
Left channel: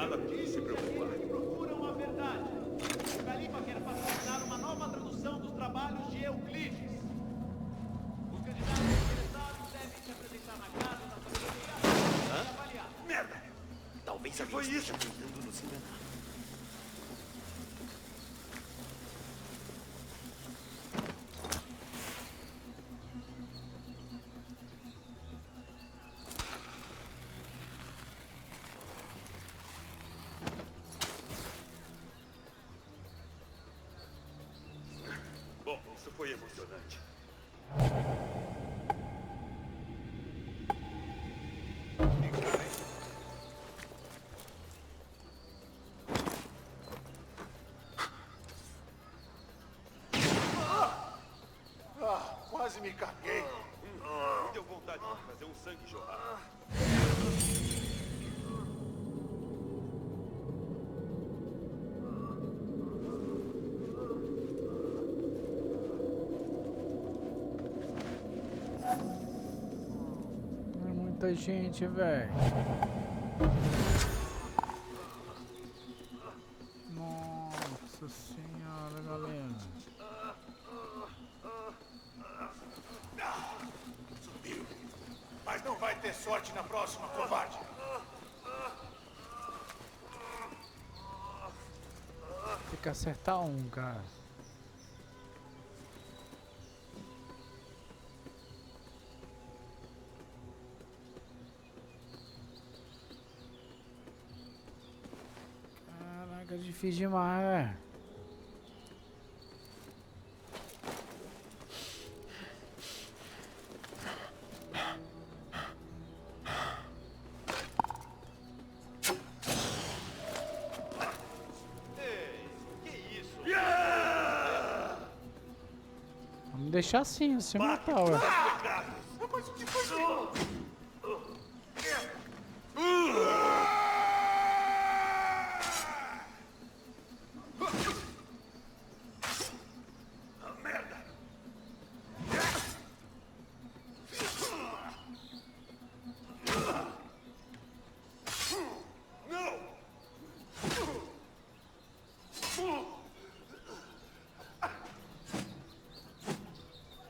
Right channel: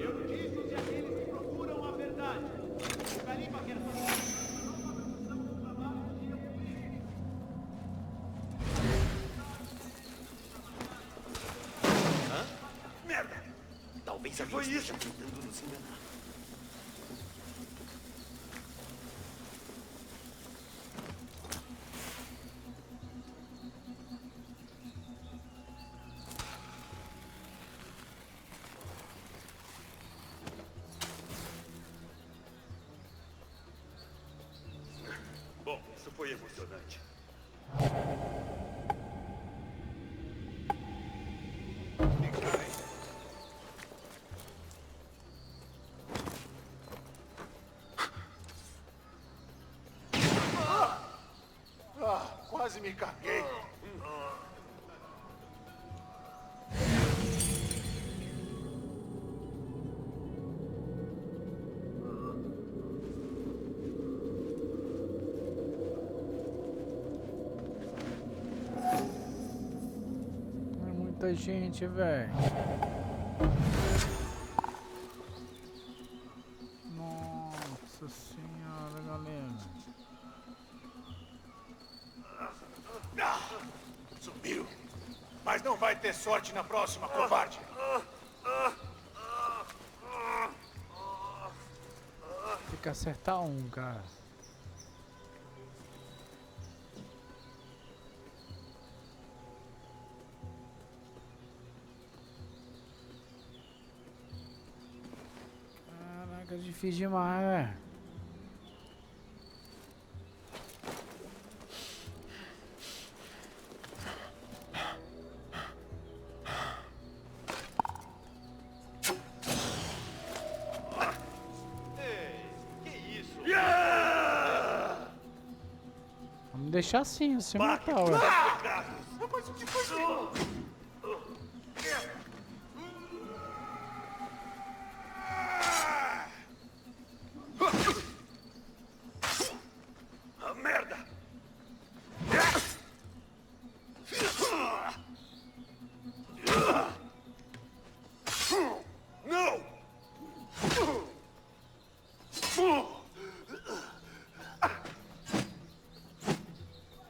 Notícias de aqueles que procuram a verdade. O Califa quer patrocinar uma nova tradução dos trabalhos de Euclides. Merda! Talvez alguém esteja tentando nos enganar. Bom, isso foi emocionante. Quase me caguei. Deu vontade de fazer um sangue jorrar. É muita gente, velho. Nossa senhora, galera. Subiu. Mas não vai ter sorte na próxima, covarde. Tem que acertar um, cara. difícil demais, velho. Vamos deixar assim, você matar, ué. Merda! Não!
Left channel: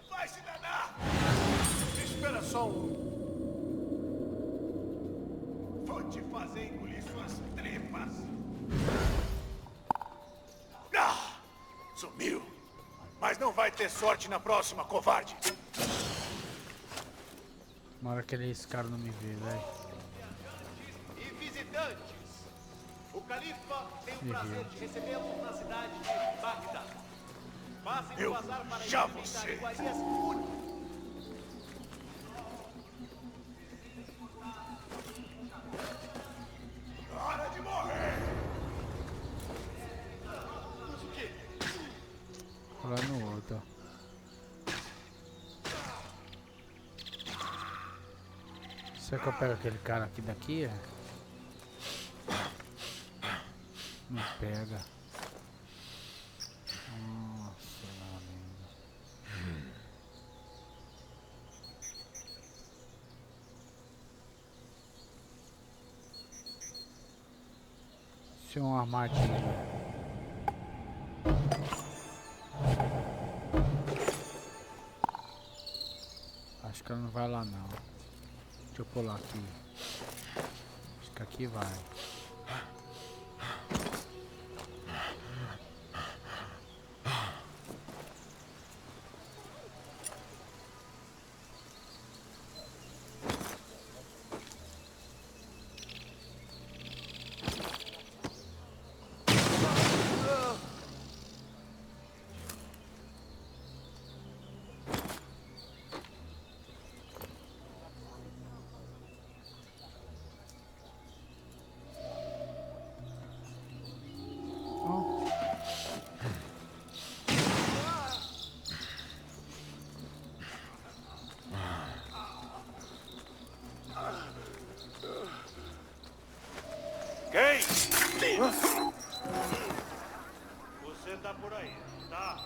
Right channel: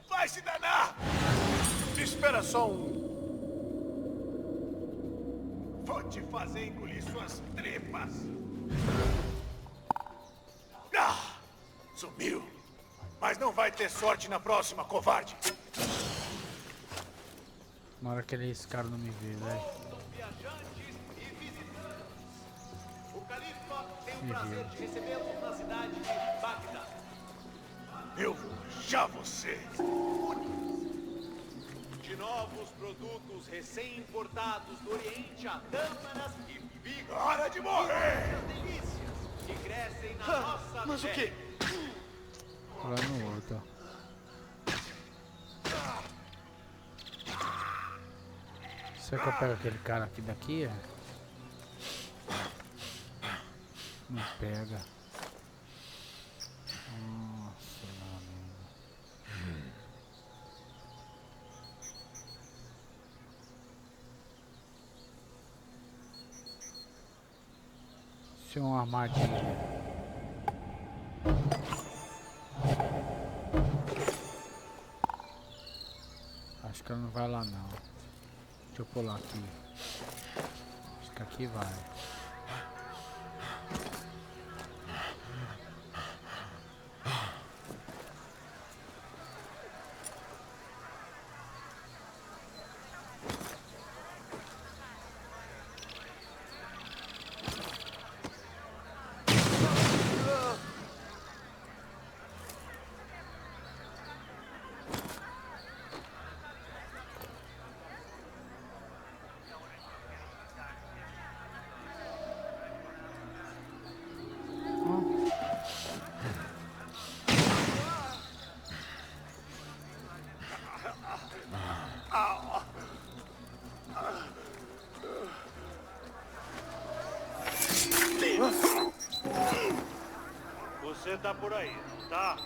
Vai se danar! Espera só Vou te fazer engolir suas tripas! Ah! Sumiu! Mas não vai ter sorte na próxima, covarde! Tomara que esse cara não me vê, velho. Viajantes e visitantes. O Califa tem o prazer de recebê-los na cidade de Bagdá. Eu já você! De novos produtos recém-importados do Oriente a tâmaras e bigos. Hora de morrer! Que crescem na nossa Mas o quê? Lá no outro, ó. Será que eu pego aquele cara aqui daqui? É? Não pega. Nossa, meu amigo. Isso é uma armadilha. Acho que ela não vai lá não. Deixa eu pular aqui. Acho que aqui vai. Você tá por aí, não tá?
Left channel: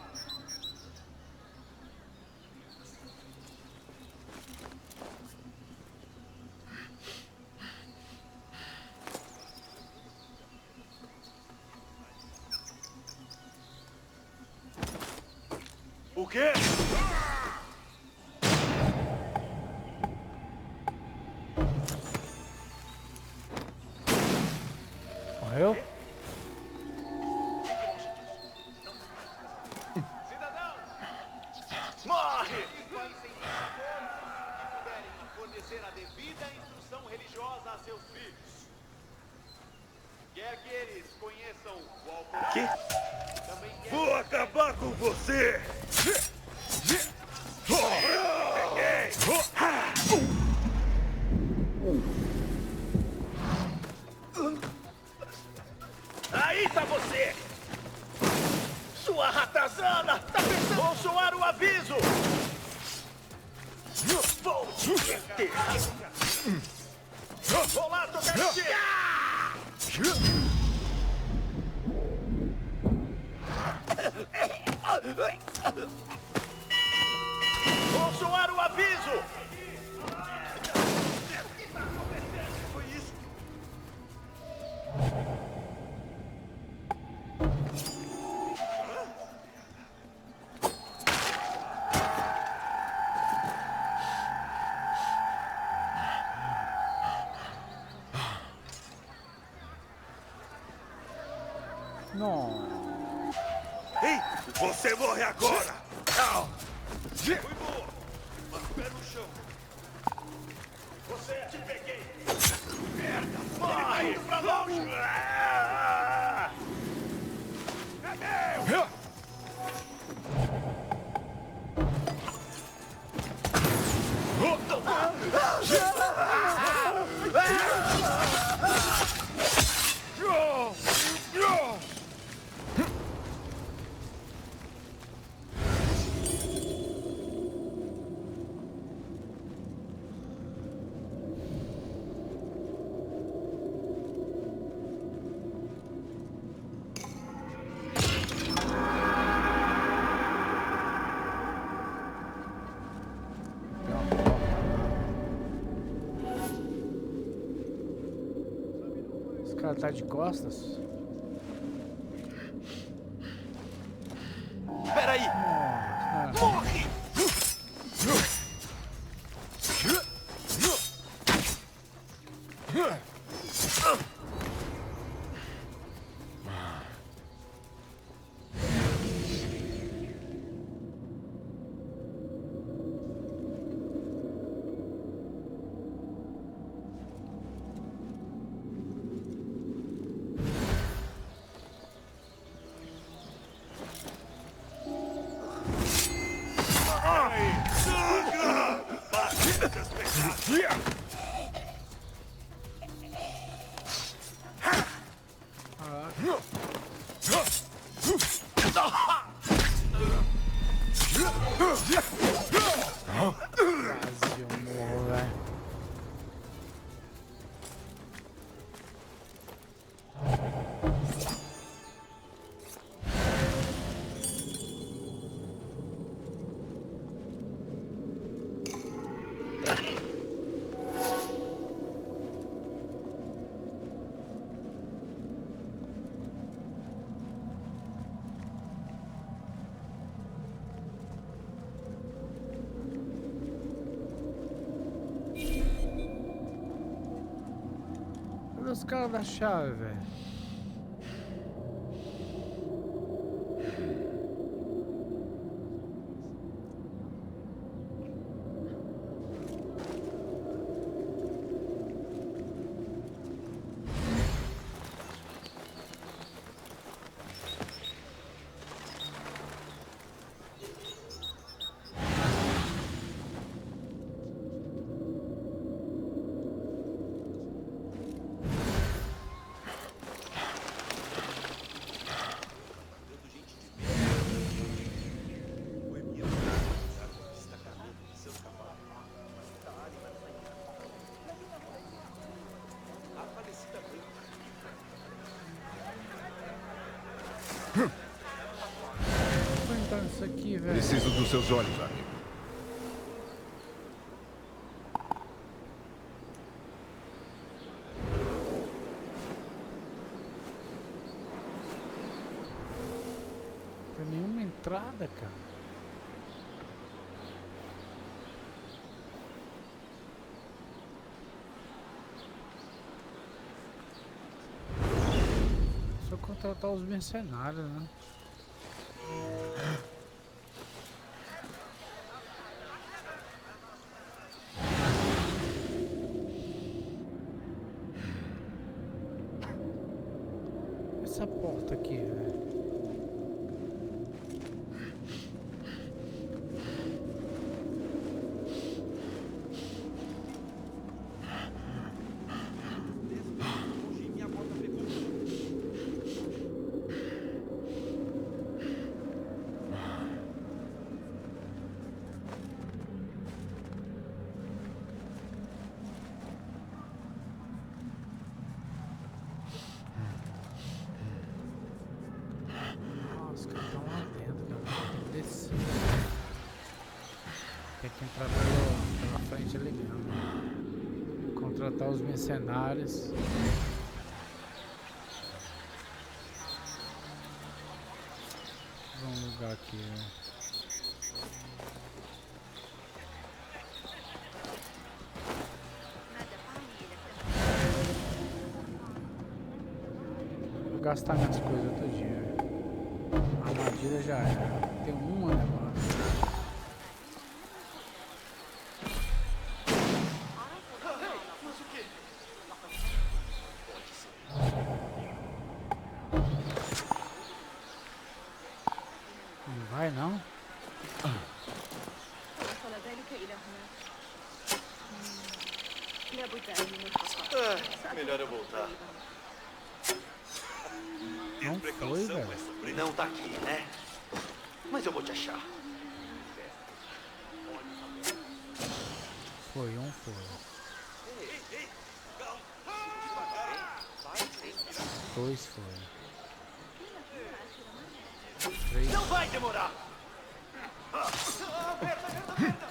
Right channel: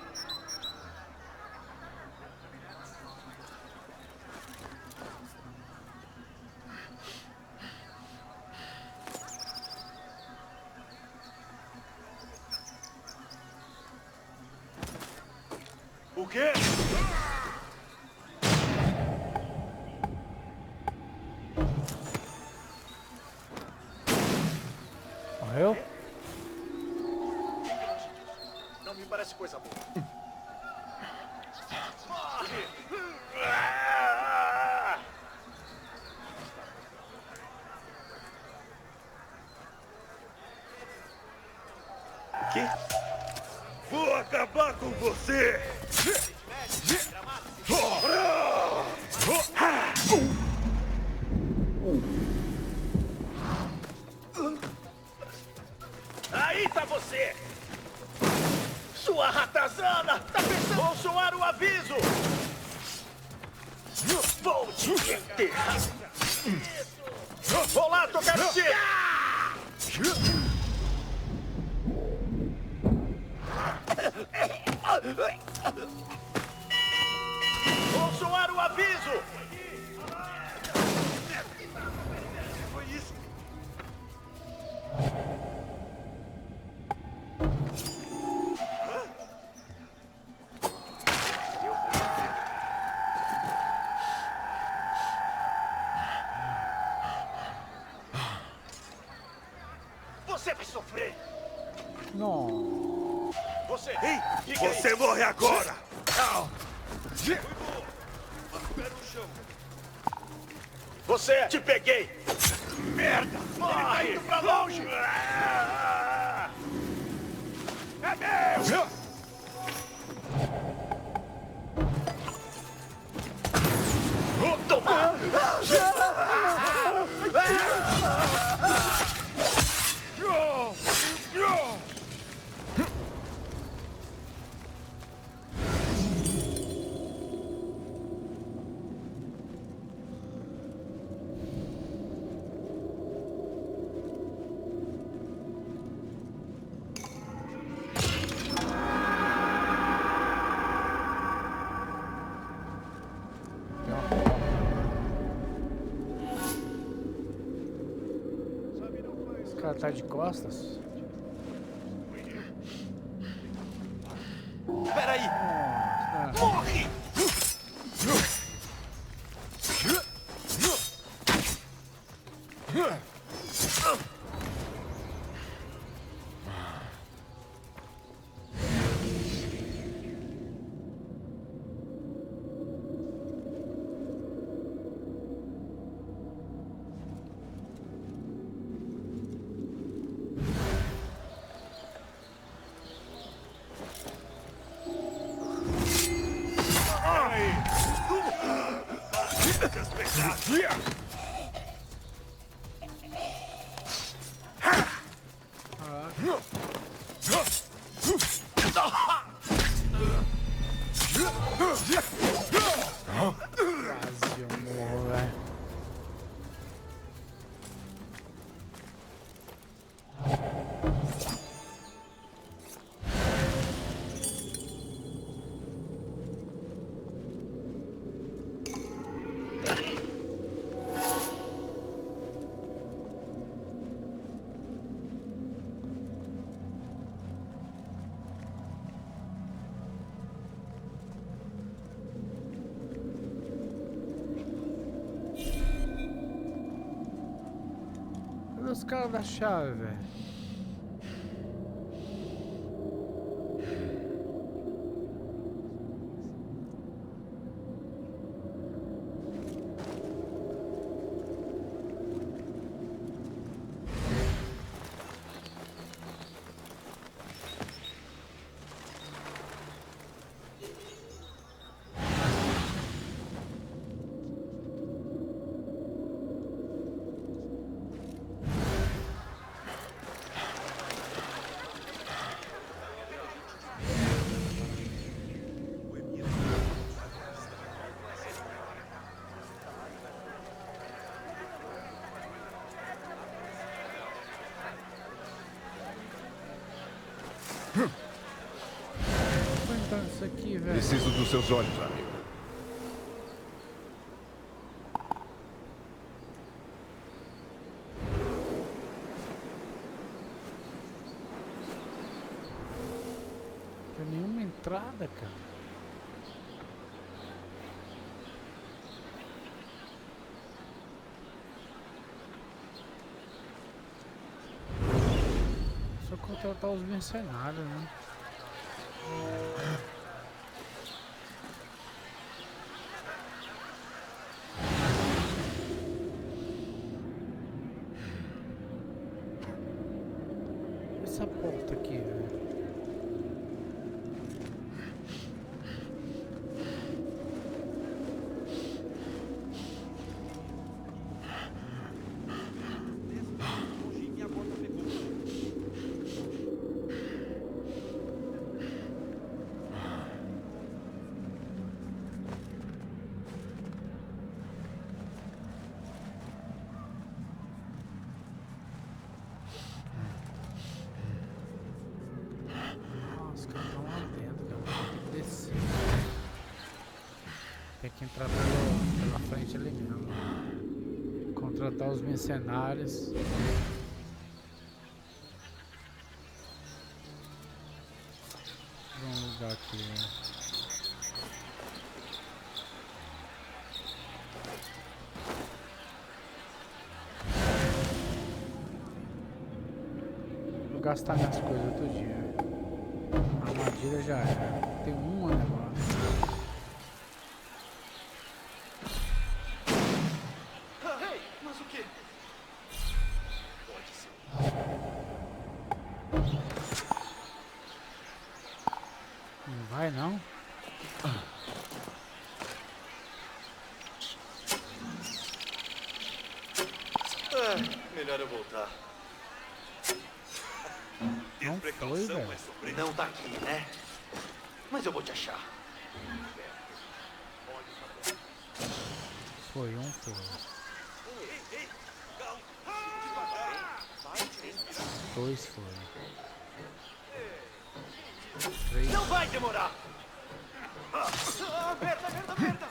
O quê? Morreu? Fique longe disso. Não me parece coisa boa. Cidadão! Morre! Acontecer a devida instrução religiosa a seus filhos. Quer que eles conheçam o golpe? Que? Vou acabar com você! Aí tá você! Sua ratazana! Tá pensando? Vou soar o aviso! Vou te enterrar! Vou lá tocar o tiro! Vou soar o aviso! Que foi isso? Você vai sofrer! Não. Ei! Você morre agora! Fui boa! Mas o pé no chão! Você! Te peguei! Merda! Morre! Ele tá indo pra longe! Tem uma porta lá. Esse cara tá de costas? Peraí! Nossa. Morre! Quase eu morro, velho. Cadê os caras da chave, velho? Vou entrar nisso aqui, velho. Preciso dos seus olhos, amigo. Não tem nenhuma entrada, cara. Só contratar os mercenários, né? Essa porta aqui, velho. Os caras estão lá dentro, cara. Tem que descer. Tem que entrar pela frente ali mesmo. Contratar os mercenários. Vamos lugar aqui, né? Vou gastar minhas coisas outro dia. A armadilha já era. Tem uma negócio. Ei, mas o quê? Pode ser. Melhor eu voltar. Não foi, velho. Não tá aqui, né? Mas eu vou te achar. Foi um, foi. Dois foi. Três. Não vai demorar! Merda, merda, merda!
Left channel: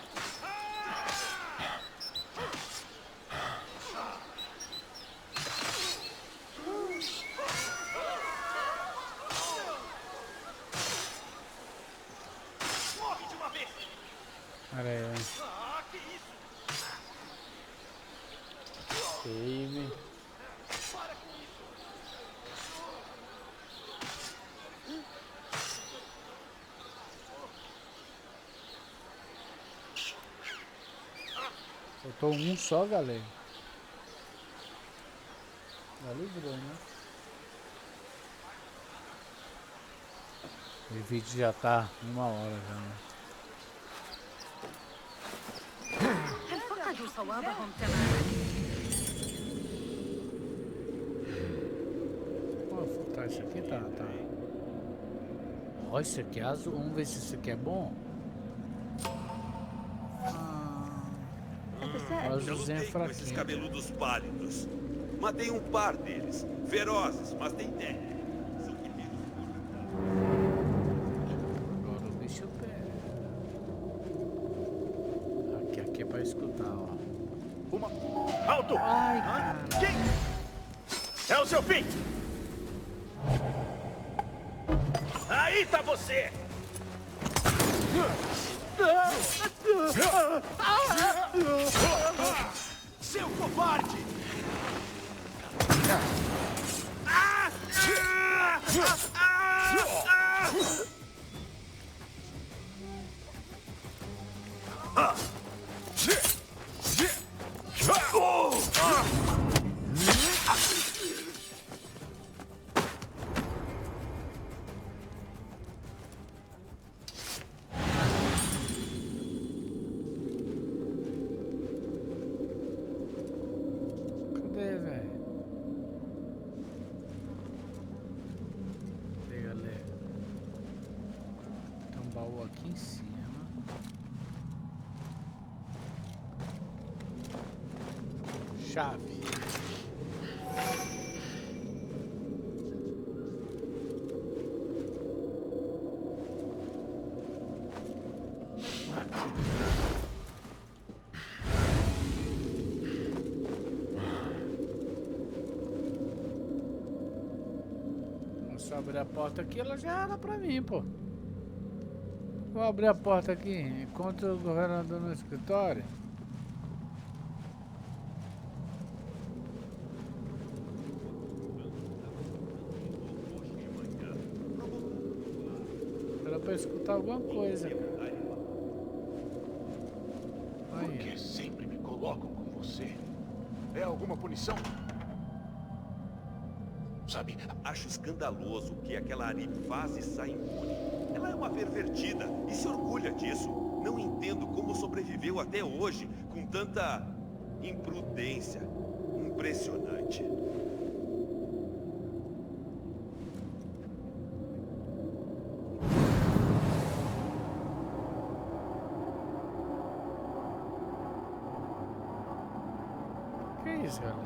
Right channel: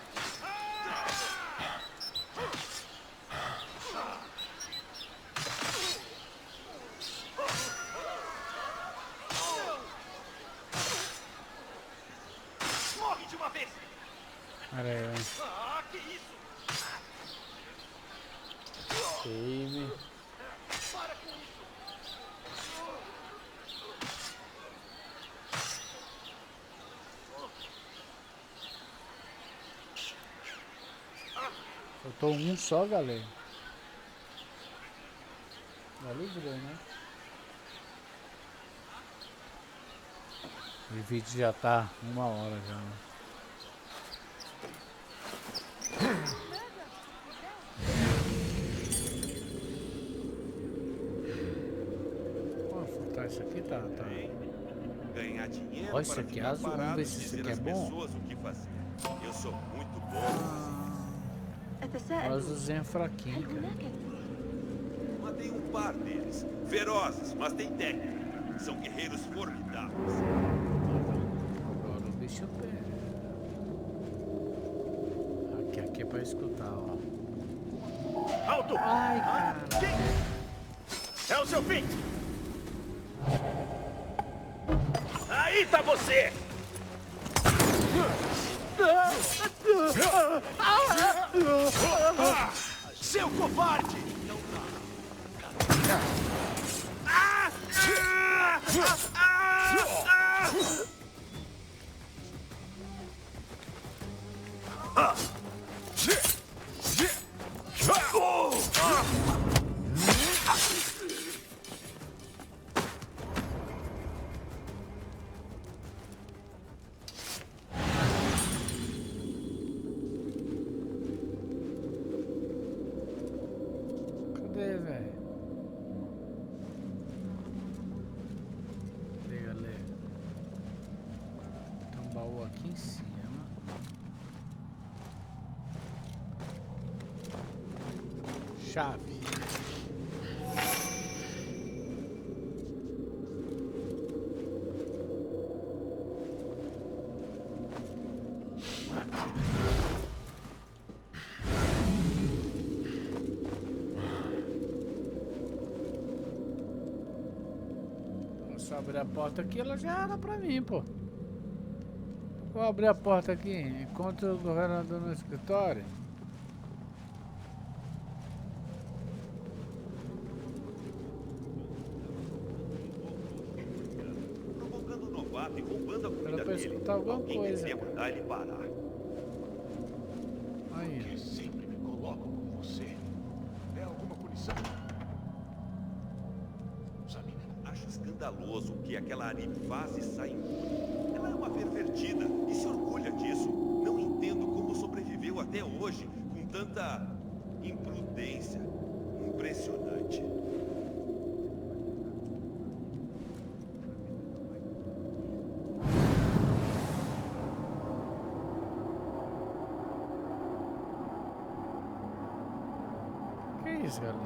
Morre de uma vez! Olha aí. Ah, que isso? Save. Para com isso! Faltou um só, galera. Já livrou, né? O vídeo já tá 1 hora já, né? فقدوا صوابهم Ó, faltar isso aqui tá. Ganhar dinheiro. Ó, isso aqui é azul. Vamos ver se isso aqui é bom. Eu sou muito bom. O azulzinho é fraquinho. Cabeludos pálidos. Matei um par deles. Ferozes, mas tem técnica. São guerreiros formidáveis. Agora o bicho pega. Aqui é pra escutar, ó. Alto! Ai, cara. É o seu fim! Aí tá você! Seu covarde! Cadê, velho? Cadê, galera? Tem um baú aqui em cima. Chave. Se eu abrir a porta aqui, ela já era pra mim, pô. Vou abrir a porta aqui, encontro o governador no escritório. Provocando o novato e roubando a Era comida pra dele. escutar alguma Alguém coisa, deveria cara. mandar ele parar. Aí. Sempre me colocam com você. É alguma punição? Sabe, Acho escandaloso o que aquela Ari faz e sai impune. Ela é uma pervertida e se orgulha disso. Não entendo como sobreviveu até hoje com tanta imprudência. Impressionante. Que isso, galera?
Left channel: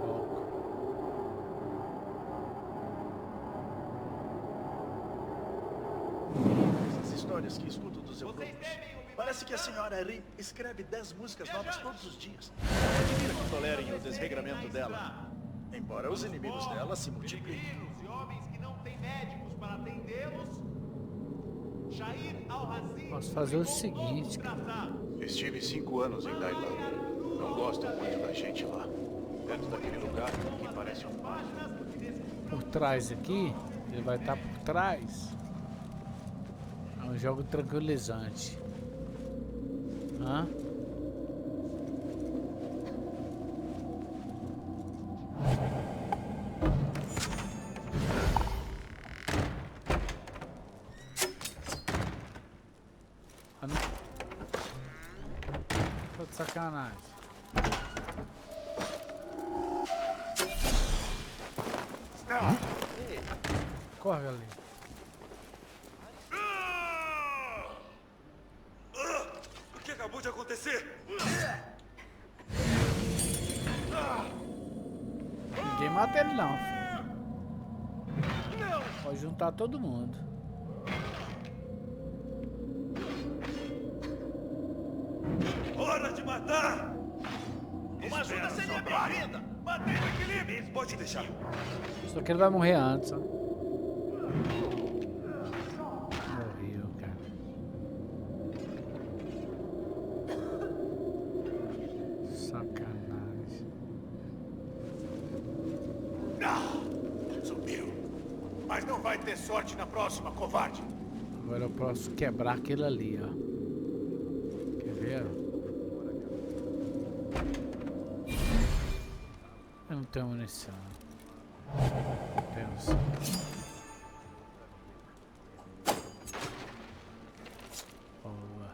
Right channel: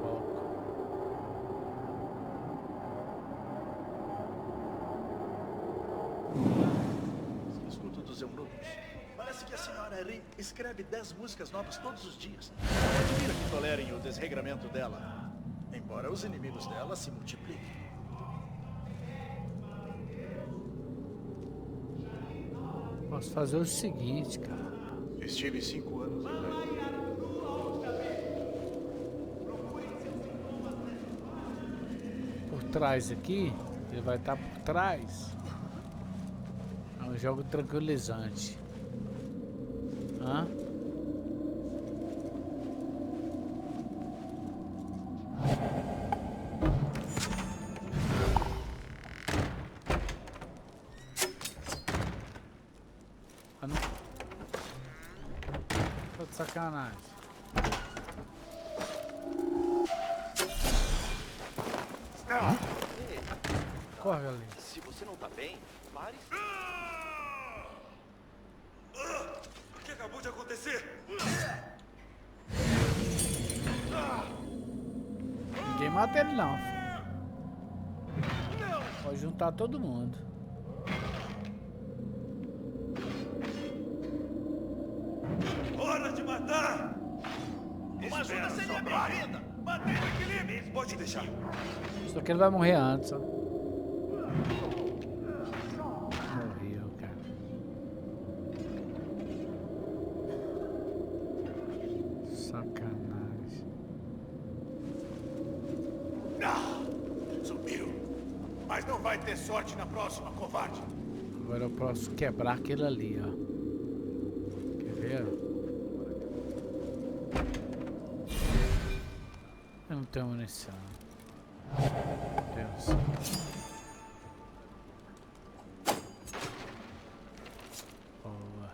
Foco. As histórias que escuto dos eunucos. Parece que a senhora Ri escreve 10 músicas novas todos os dias. Admira que tolerem o desregramento dela. Embora os inimigos dela se multipliquem. Posso fazer o seguinte, cara. estive 5 anos em Tailândia. Não gosto muito da gente lá. Perto daquele lugar, me parece um... Por trás aqui, ele vai estar por trás. É um jogo tranquilizante. Hã? Ah, não. Tô de sacanagem. Corre ali. Se você não tá bem, pare. O que acabou de acontecer? Ninguém mata ele não. Pode juntar todo mundo. Hora de matar! Uma ajuda seria bem-vinda. Mantenha o equilíbrio. Pode deixar. Só que ele vai morrer antes, ó. Morreu, cara. Sacanagem. Subiu. Mas não vai ter sorte na próxima, covarde. Agora eu posso quebrar aquele ali, ó. Quer ver? Eu não tenho munição. Temos. Boa.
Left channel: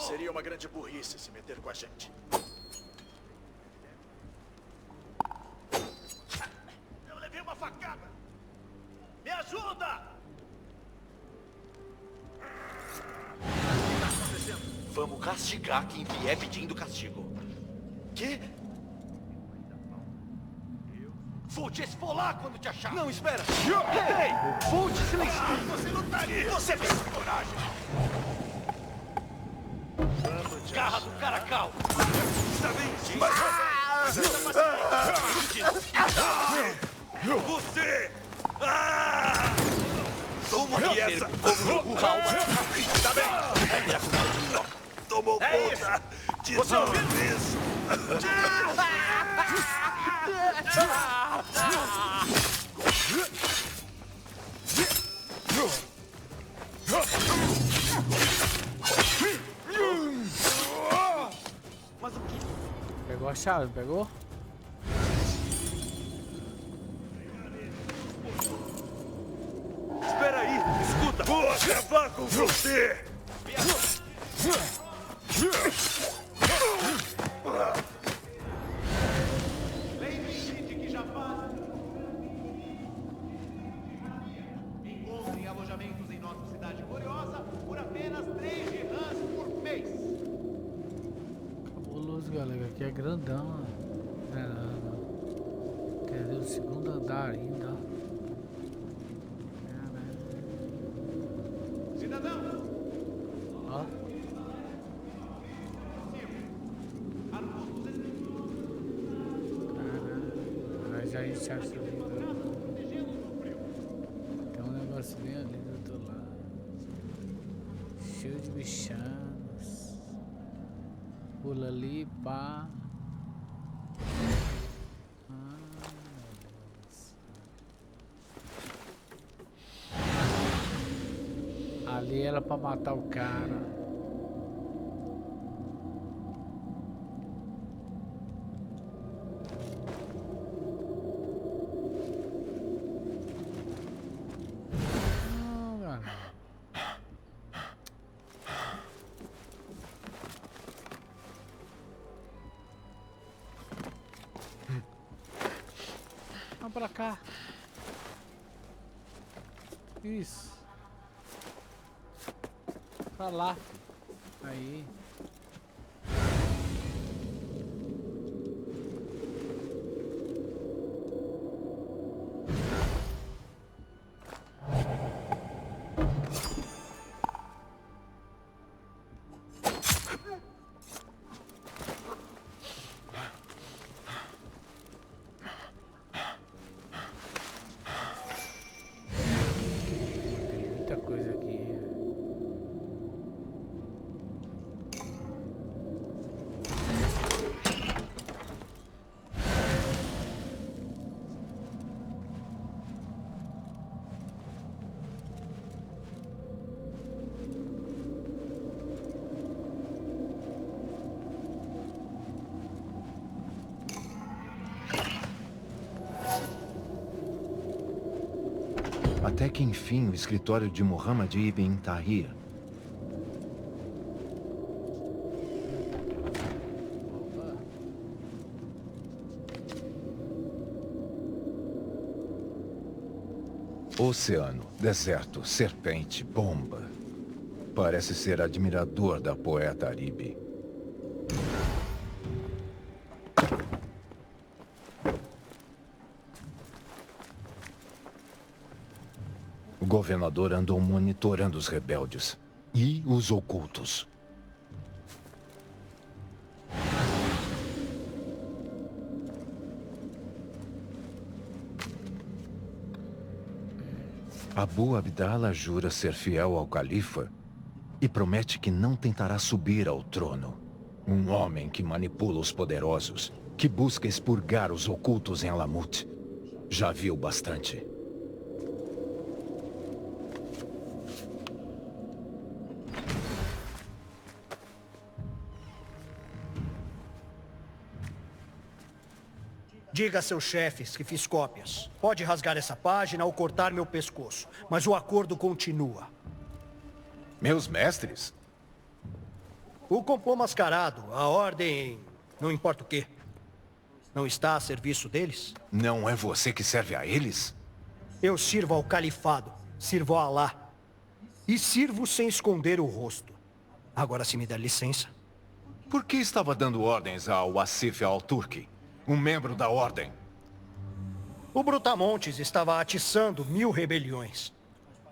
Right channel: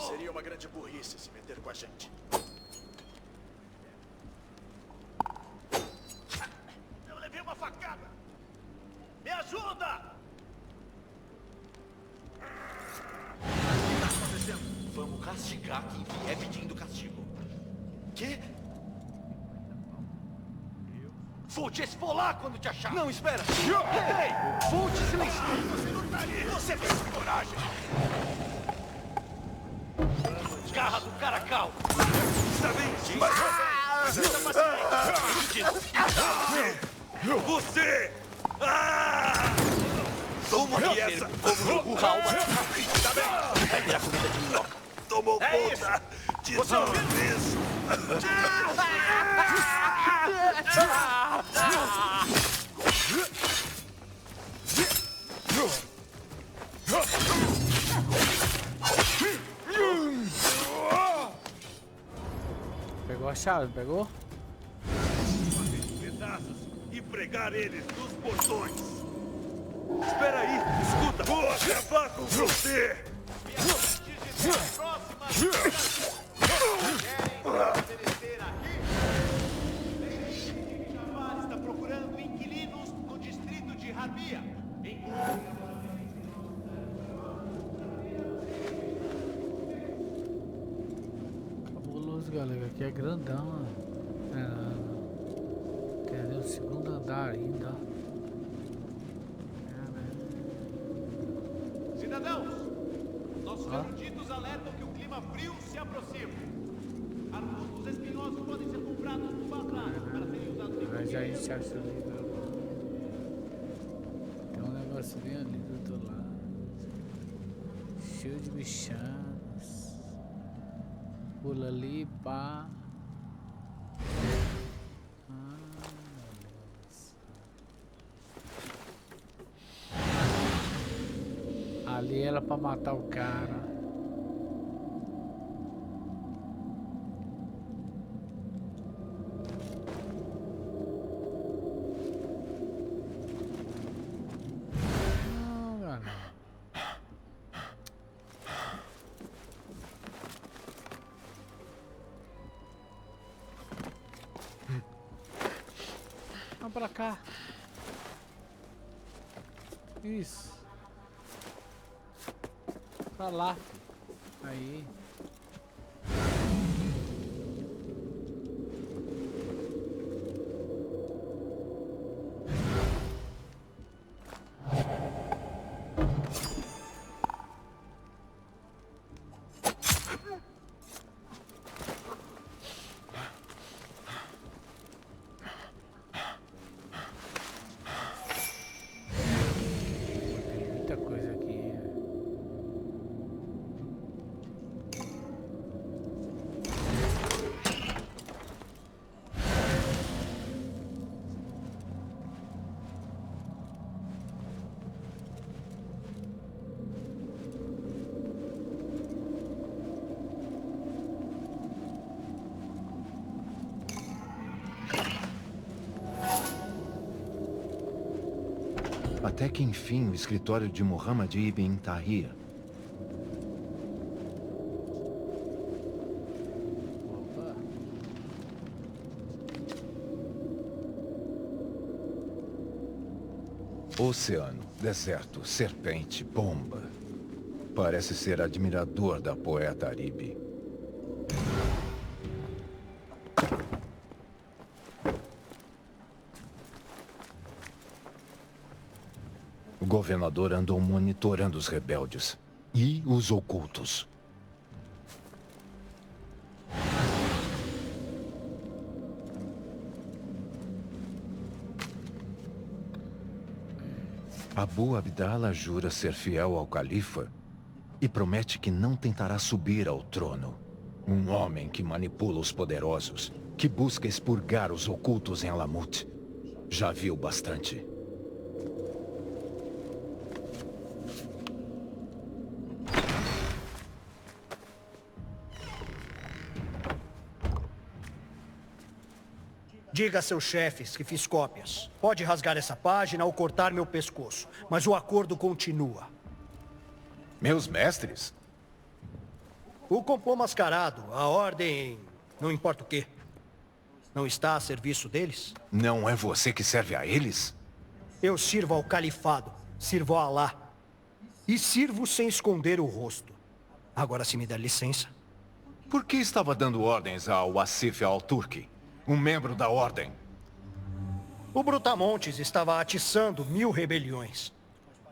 Seria uma grande burrice se meter com a gente. Eu levei uma facada. Me ajuda! O que está acontecendo? Vamos castigar quem vier pedindo castigo. Que? Vou te esfolar quando te achar. Não, espera! Ei! Vou te silenciar. Você lutaria! Você tem coragem! Garra do caracal. Está bem? Você! Toma aqui essa! Está bem? Tomou conta de tudo isso! Pegou a chave, pegou? E pregar eles nos portões! Espera aí! Escuta! Vou acabar com você! Lembre-se de que Jafar está procurando inquilinos no distrito de Rabia. Encontre alojamentos em nossa cidade gloriosa por apenas 3 dirhams por mês. Cabuloso, galera. Aqui é grandão, ó. Caramba. Cadê o segundo andar ainda? Cidadãos, nossos Ó. bandidos alertam que o clima frio se aproxima. Arbustos espinhosos podem ser comprados no bazar. Mas já iniciaram o livro. Tem um negócio bem ali do outro lado. Cheio de bichanos. Pula ali, pá. Ah, ali era pra matar o cara. Não, galera. Vamos pra cá. Isso. Pra lá, filho. Aí. Tem muita coisa aqui. Até que enfim o escritório de Muhammad ibn Tahir. Oceano, deserto, serpente, bomba. Parece ser admirador da poeta Aribe. O governador andou monitorando os rebeldes e os ocultos. Abu Abdallah jura ser fiel ao califa e promete que não tentará subir ao trono. Um homem que manipula os poderosos, que busca expurgar os ocultos em Alamut. Já viu bastante. Diga a seus chefes que fiz cópias. Pode rasgar essa página ou cortar meu pescoço, mas o acordo continua. Meus mestres? O complô mascarado, a ordem, não importa o quê. Não está a serviço deles? Não é você que serve a eles? Eu sirvo ao califado, sirvo a Alá. E sirvo sem esconder o rosto. Agora, se me der licença. Por que estava dando ordens ao Asif al-Turki? Um membro da ordem. O Brutamontes estava atiçando 1000 rebeliões.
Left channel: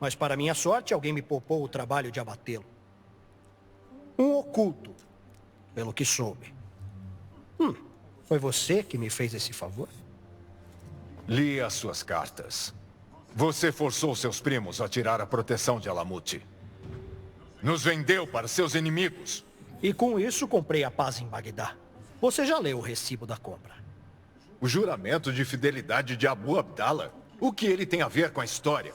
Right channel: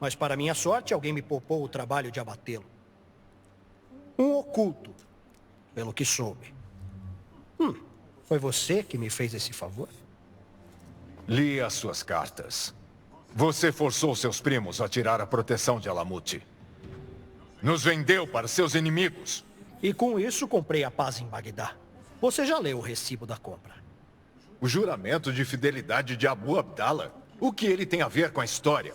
Mas para minha sorte, alguém me poupou o trabalho de abatê-lo. Um oculto, pelo que soube. Foi você que me fez esse favor? Li as suas cartas. Você forçou seus primos a tirar a proteção de Alamut. Nos vendeu para seus inimigos. E com isso comprei a paz em Bagdá. Você já leu o recibo da compra? O juramento de fidelidade de Abu Abdallah? O que ele tem a ver com a história?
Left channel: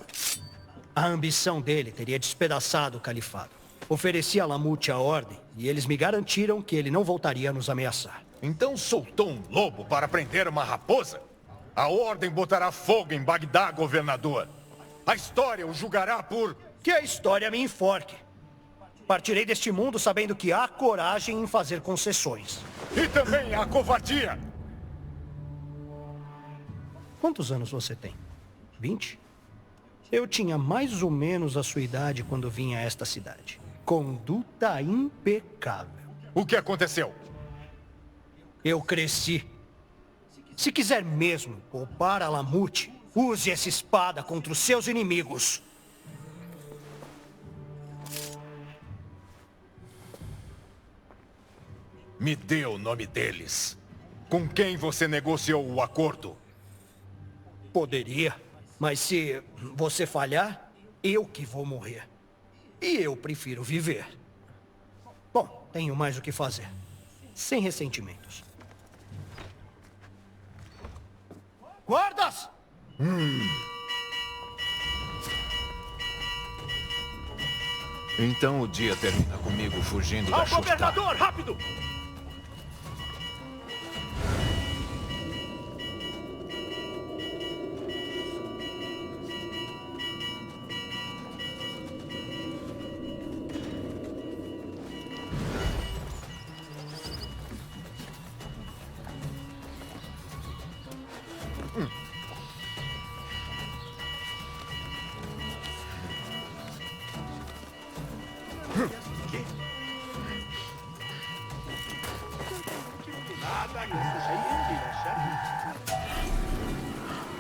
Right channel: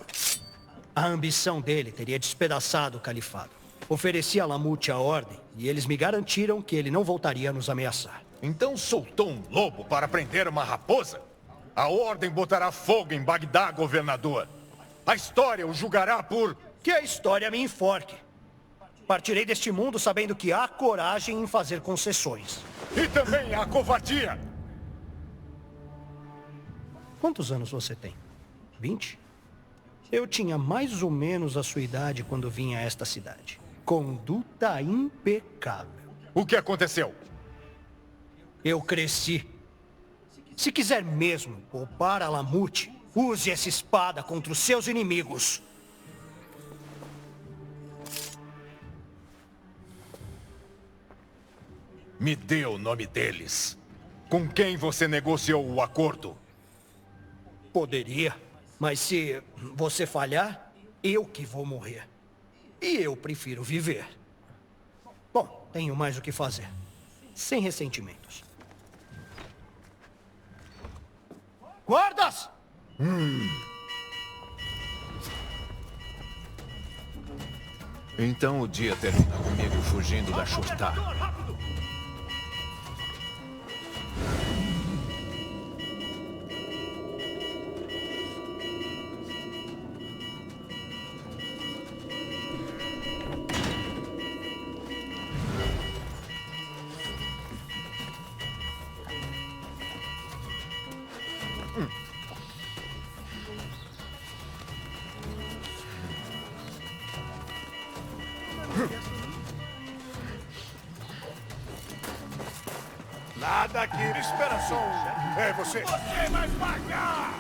A ambição dele teria despedaçado o califado. Ofereci a Alamut a ordem e eles me garantiram que ele não voltaria a nos ameaçar. Então soltou um lobo para prender uma raposa? A ordem botará fogo em Bagdá, governador. A história o julgará por... Que a história me enforque. Partirei deste mundo sabendo que há coragem em fazer concessões. E também há covardia. Quantos anos você tem? 20? Eu tinha mais ou menos a sua idade quando vim a esta cidade. Conduta impecável. O que aconteceu? Eu cresci. Se quiser mesmo poupar Alamut, use essa espada contra os seus inimigos. Me dê o nome deles. Com quem você negociou o acordo? Poderia, mas se você falhar, eu que vou morrer. E eu prefiro viver. Bom, tenho mais o que fazer. Sem ressentimentos. Guardas! Então o dia termina comigo fugindo da Shurta. Governador, rápido! Nada aqui, espera só. É você. Quem vai pagar?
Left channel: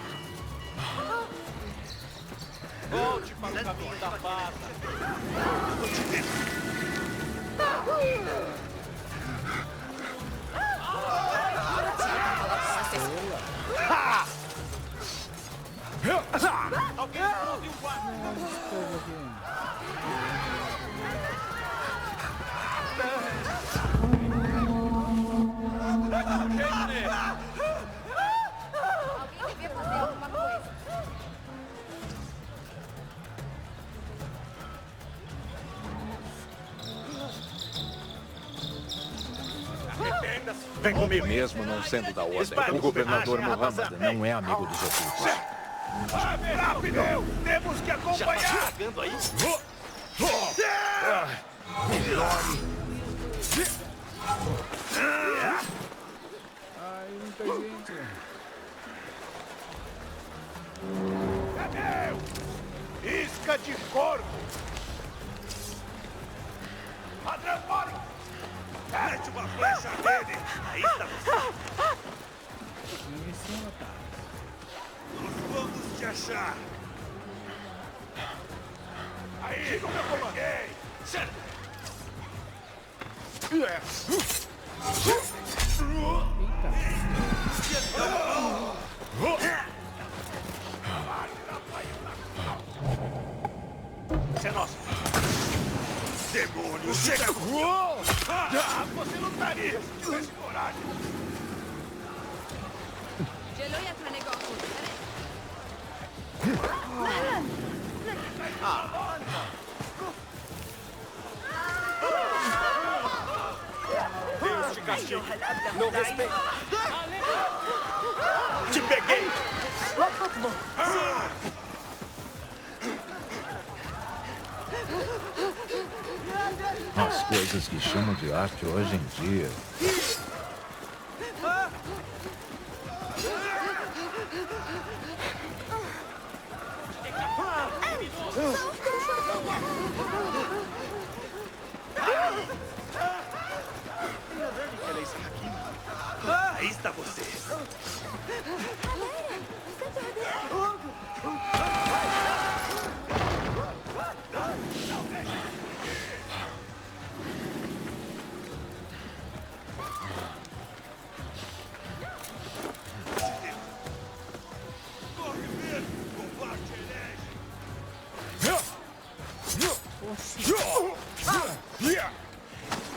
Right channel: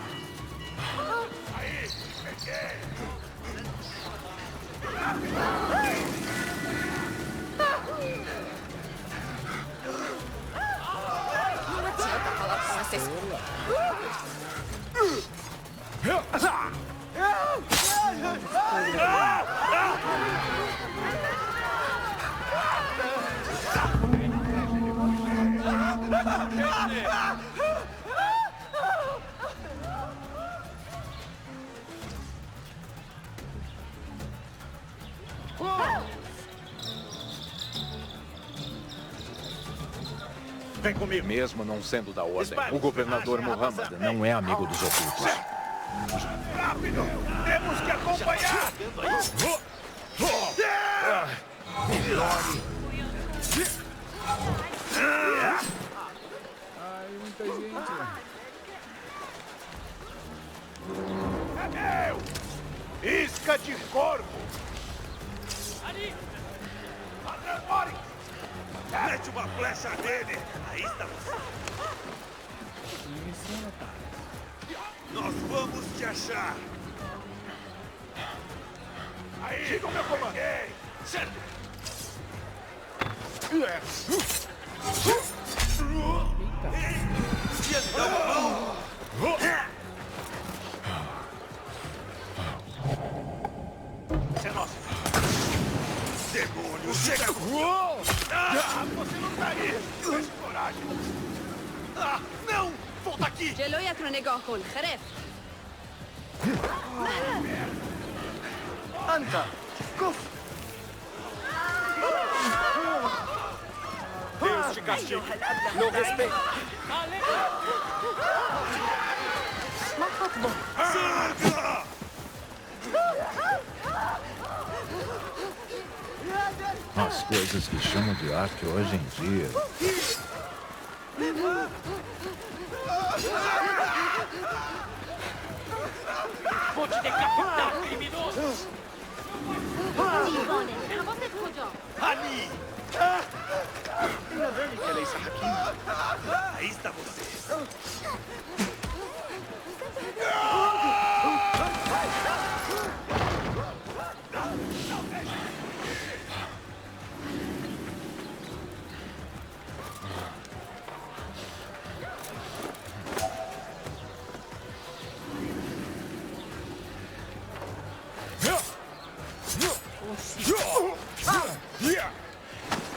Volte para o caminho da paz. Vem comigo. Mesmo não sendo da ordem, Espalhe o governador espionagem, Muhammad rapaziada. não é amigo dos ocultos. Rápido! Temos que acompanhar! Ai, muita gente, velho. É meu! Isca de corvo! Ladrão, morre! Mete uma flecha nele! Aí está você! Em cima, tá. Nós vamos te achar! Aí! Siga o meu comando! Certo! Eita. Isso é nosso! Demônio, chega! Você não tá aí! Tivesse coragem! Não! Volta aqui! جلويك نگاه خرب Anda! Deus te castigue! Não respeita! Te peguei! As coisas que chamam de arte hoje em dia. Vou te decapitar, criminoso! Aí está você!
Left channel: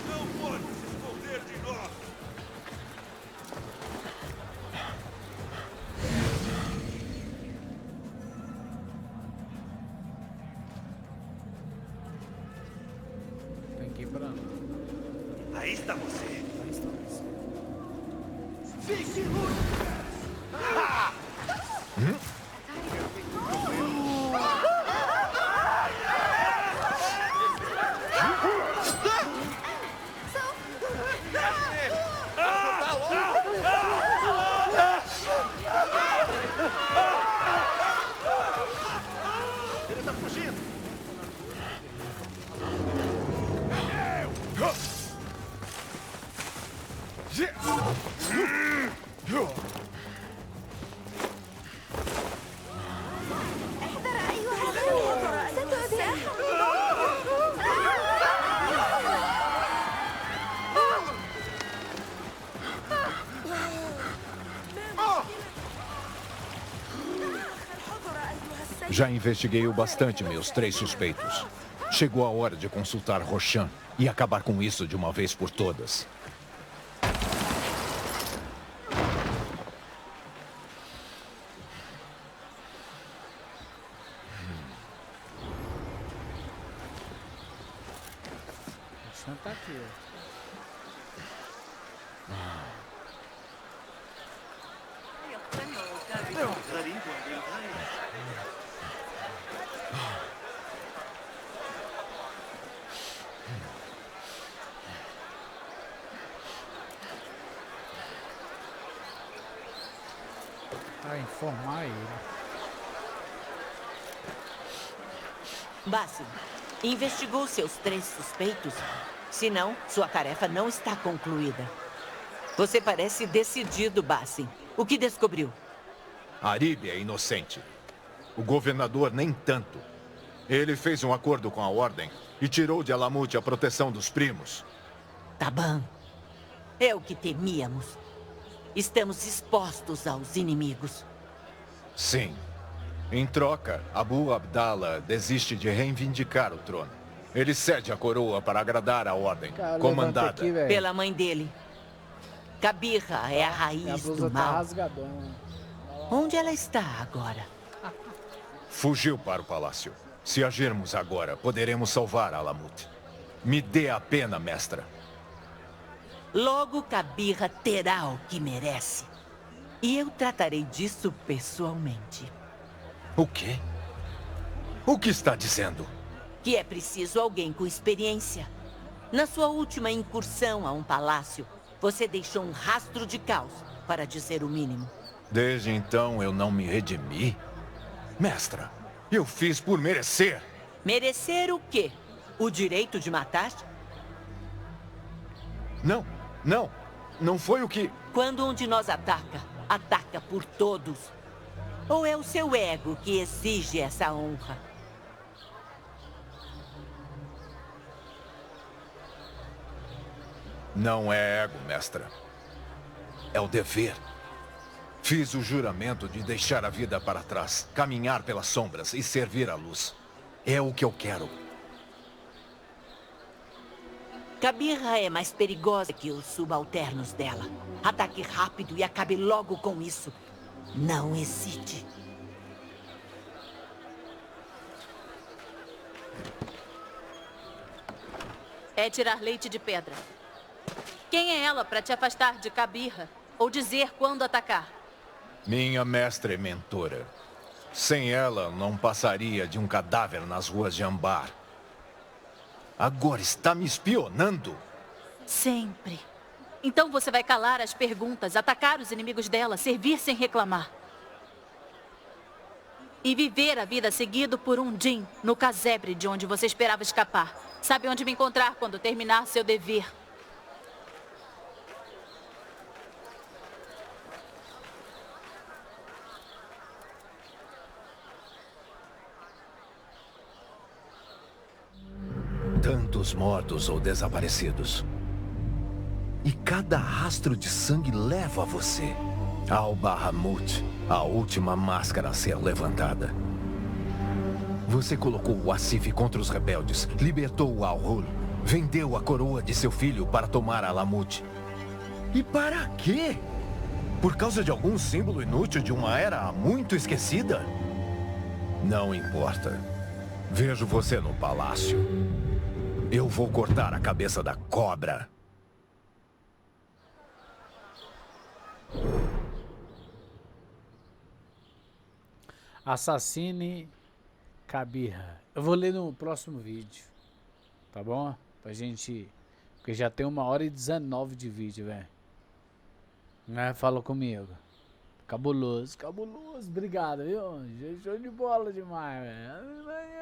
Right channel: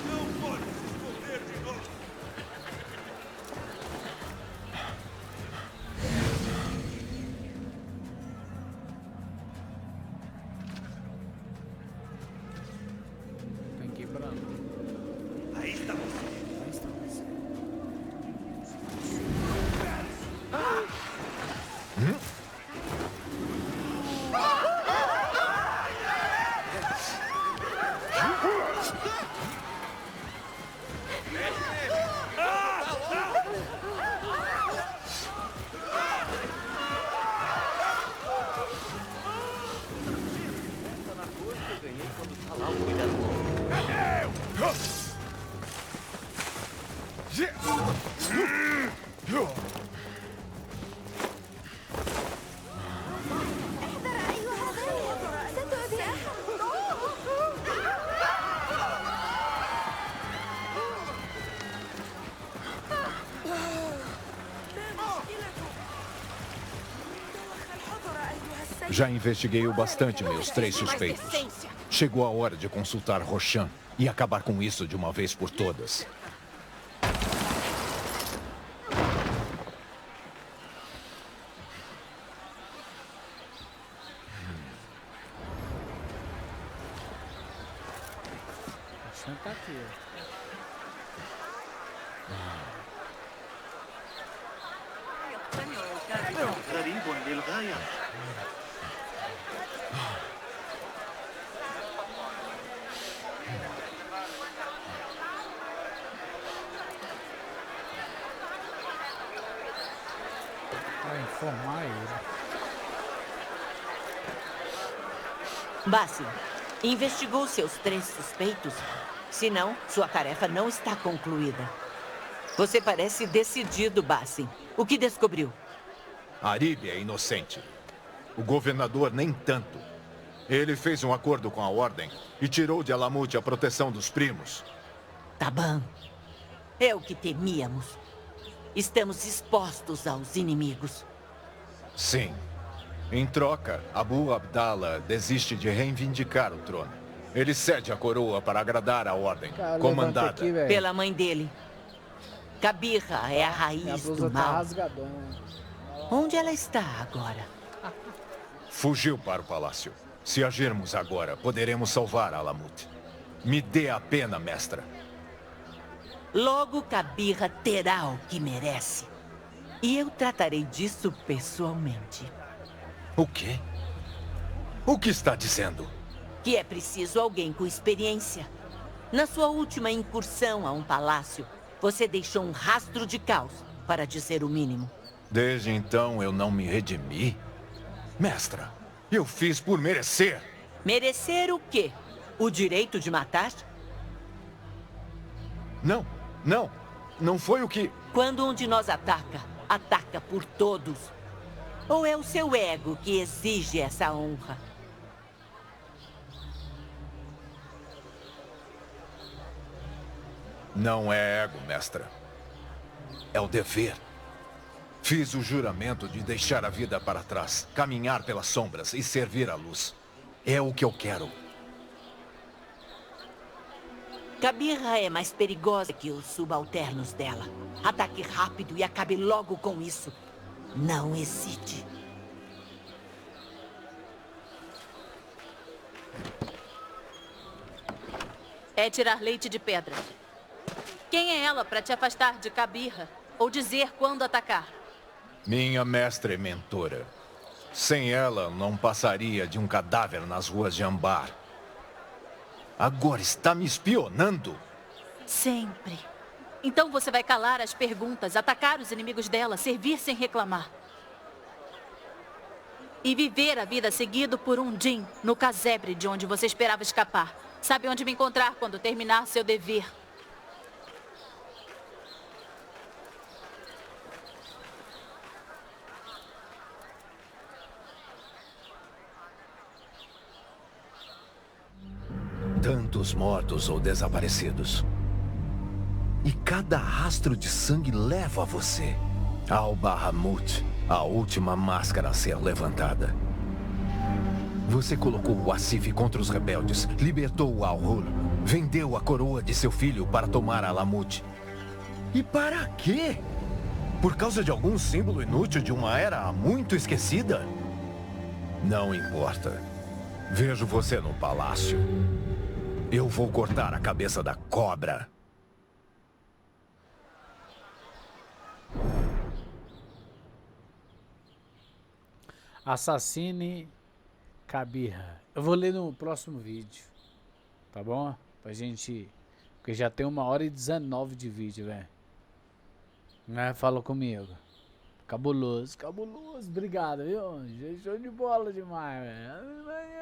Não pode se esconder de nós! Tem que ir pra lá. Aí está você! Aí está você. احذر أيها السيد ستؤذيه. Já investiguei o bastante meus 3 suspeitos. Chegou a hora de consultar Roshan e acabar com isso de uma vez por todas. O chão tá aqui, ó. غريب للغاية Pra informar ele. Bassi, investigou seus 3 suspeitos? Se não, sua tarefa não está concluída. Você parece decidido, Bassi. O que descobriu? Arib é inocente. O governador nem tanto. Ele fez um acordo com a Ordem e tirou de Alamut a proteção dos primos. Taban. É o que temíamos. Estamos expostos aos inimigos. Sim. Em troca, Abu Abdallah desiste de reivindicar o trono. Ele cede a coroa para agradar a Ordem, comandada aqui, pela mãe dele. Kabirra é a Minha raiz blusa do tá mal. rasgadona. Onde ela está agora? Fugiu para o palácio. Se agirmos agora, poderemos salvar Alamut. Me dê a pena, mestra. Logo, Kabirra terá o que merece. E eu tratarei disso pessoalmente. O quê? O que está dizendo? Que é preciso alguém com experiência. Na sua última incursão a um palácio, você deixou um rastro de caos, para dizer o mínimo. Desde então eu não me redimi? Mestra, eu fiz por merecer. Merecer o quê? O direito de matar? Não, não. Não foi o que... Quando um de nós ataca, ataca por todos. Ou é o seu ego que exige essa honra? Não é ego, mestra. É o dever. Fiz o juramento de deixar a vida para trás, caminhar pelas sombras e servir à luz. É o que eu quero. Kabira é mais perigosa que os subalternos dela. Ataque rápido e acabe logo com isso. Não hesite. É tirar leite de pedra. Quem é ela para te afastar de Kabira? Ou dizer quando atacar? Minha mestra e mentora. Sem ela, não passaria de um cadáver nas ruas de Ambar. Agora está me espionando? Sempre. Então você vai calar as perguntas, atacar os inimigos dela, servir sem reclamar. E viver a vida seguido por um Jin no casebre de onde você esperava escapar. Sabe onde me encontrar quando terminar seu dever. Tantos mortos ou desaparecidos. E cada rastro de sangue leva a você. Ao Bahamut, a última máscara a ser levantada. Você colocou o Asif contra os rebeldes, libertou o Al-Hul, vendeu a coroa de seu filho para tomar Alamut. E para quê? Por causa de algum símbolo inútil de uma era muito esquecida? Não importa. Vejo você no palácio. Eu vou cortar a cabeça da cobra. Assassine Kabira. Eu vou ler no próximo vídeo. Tá bom? Pra gente... Porque já tem 1h19 de vídeo, velho. Né? Fala comigo. Cabuloso, cabuloso. Obrigado, viu? Show de bola demais, velho.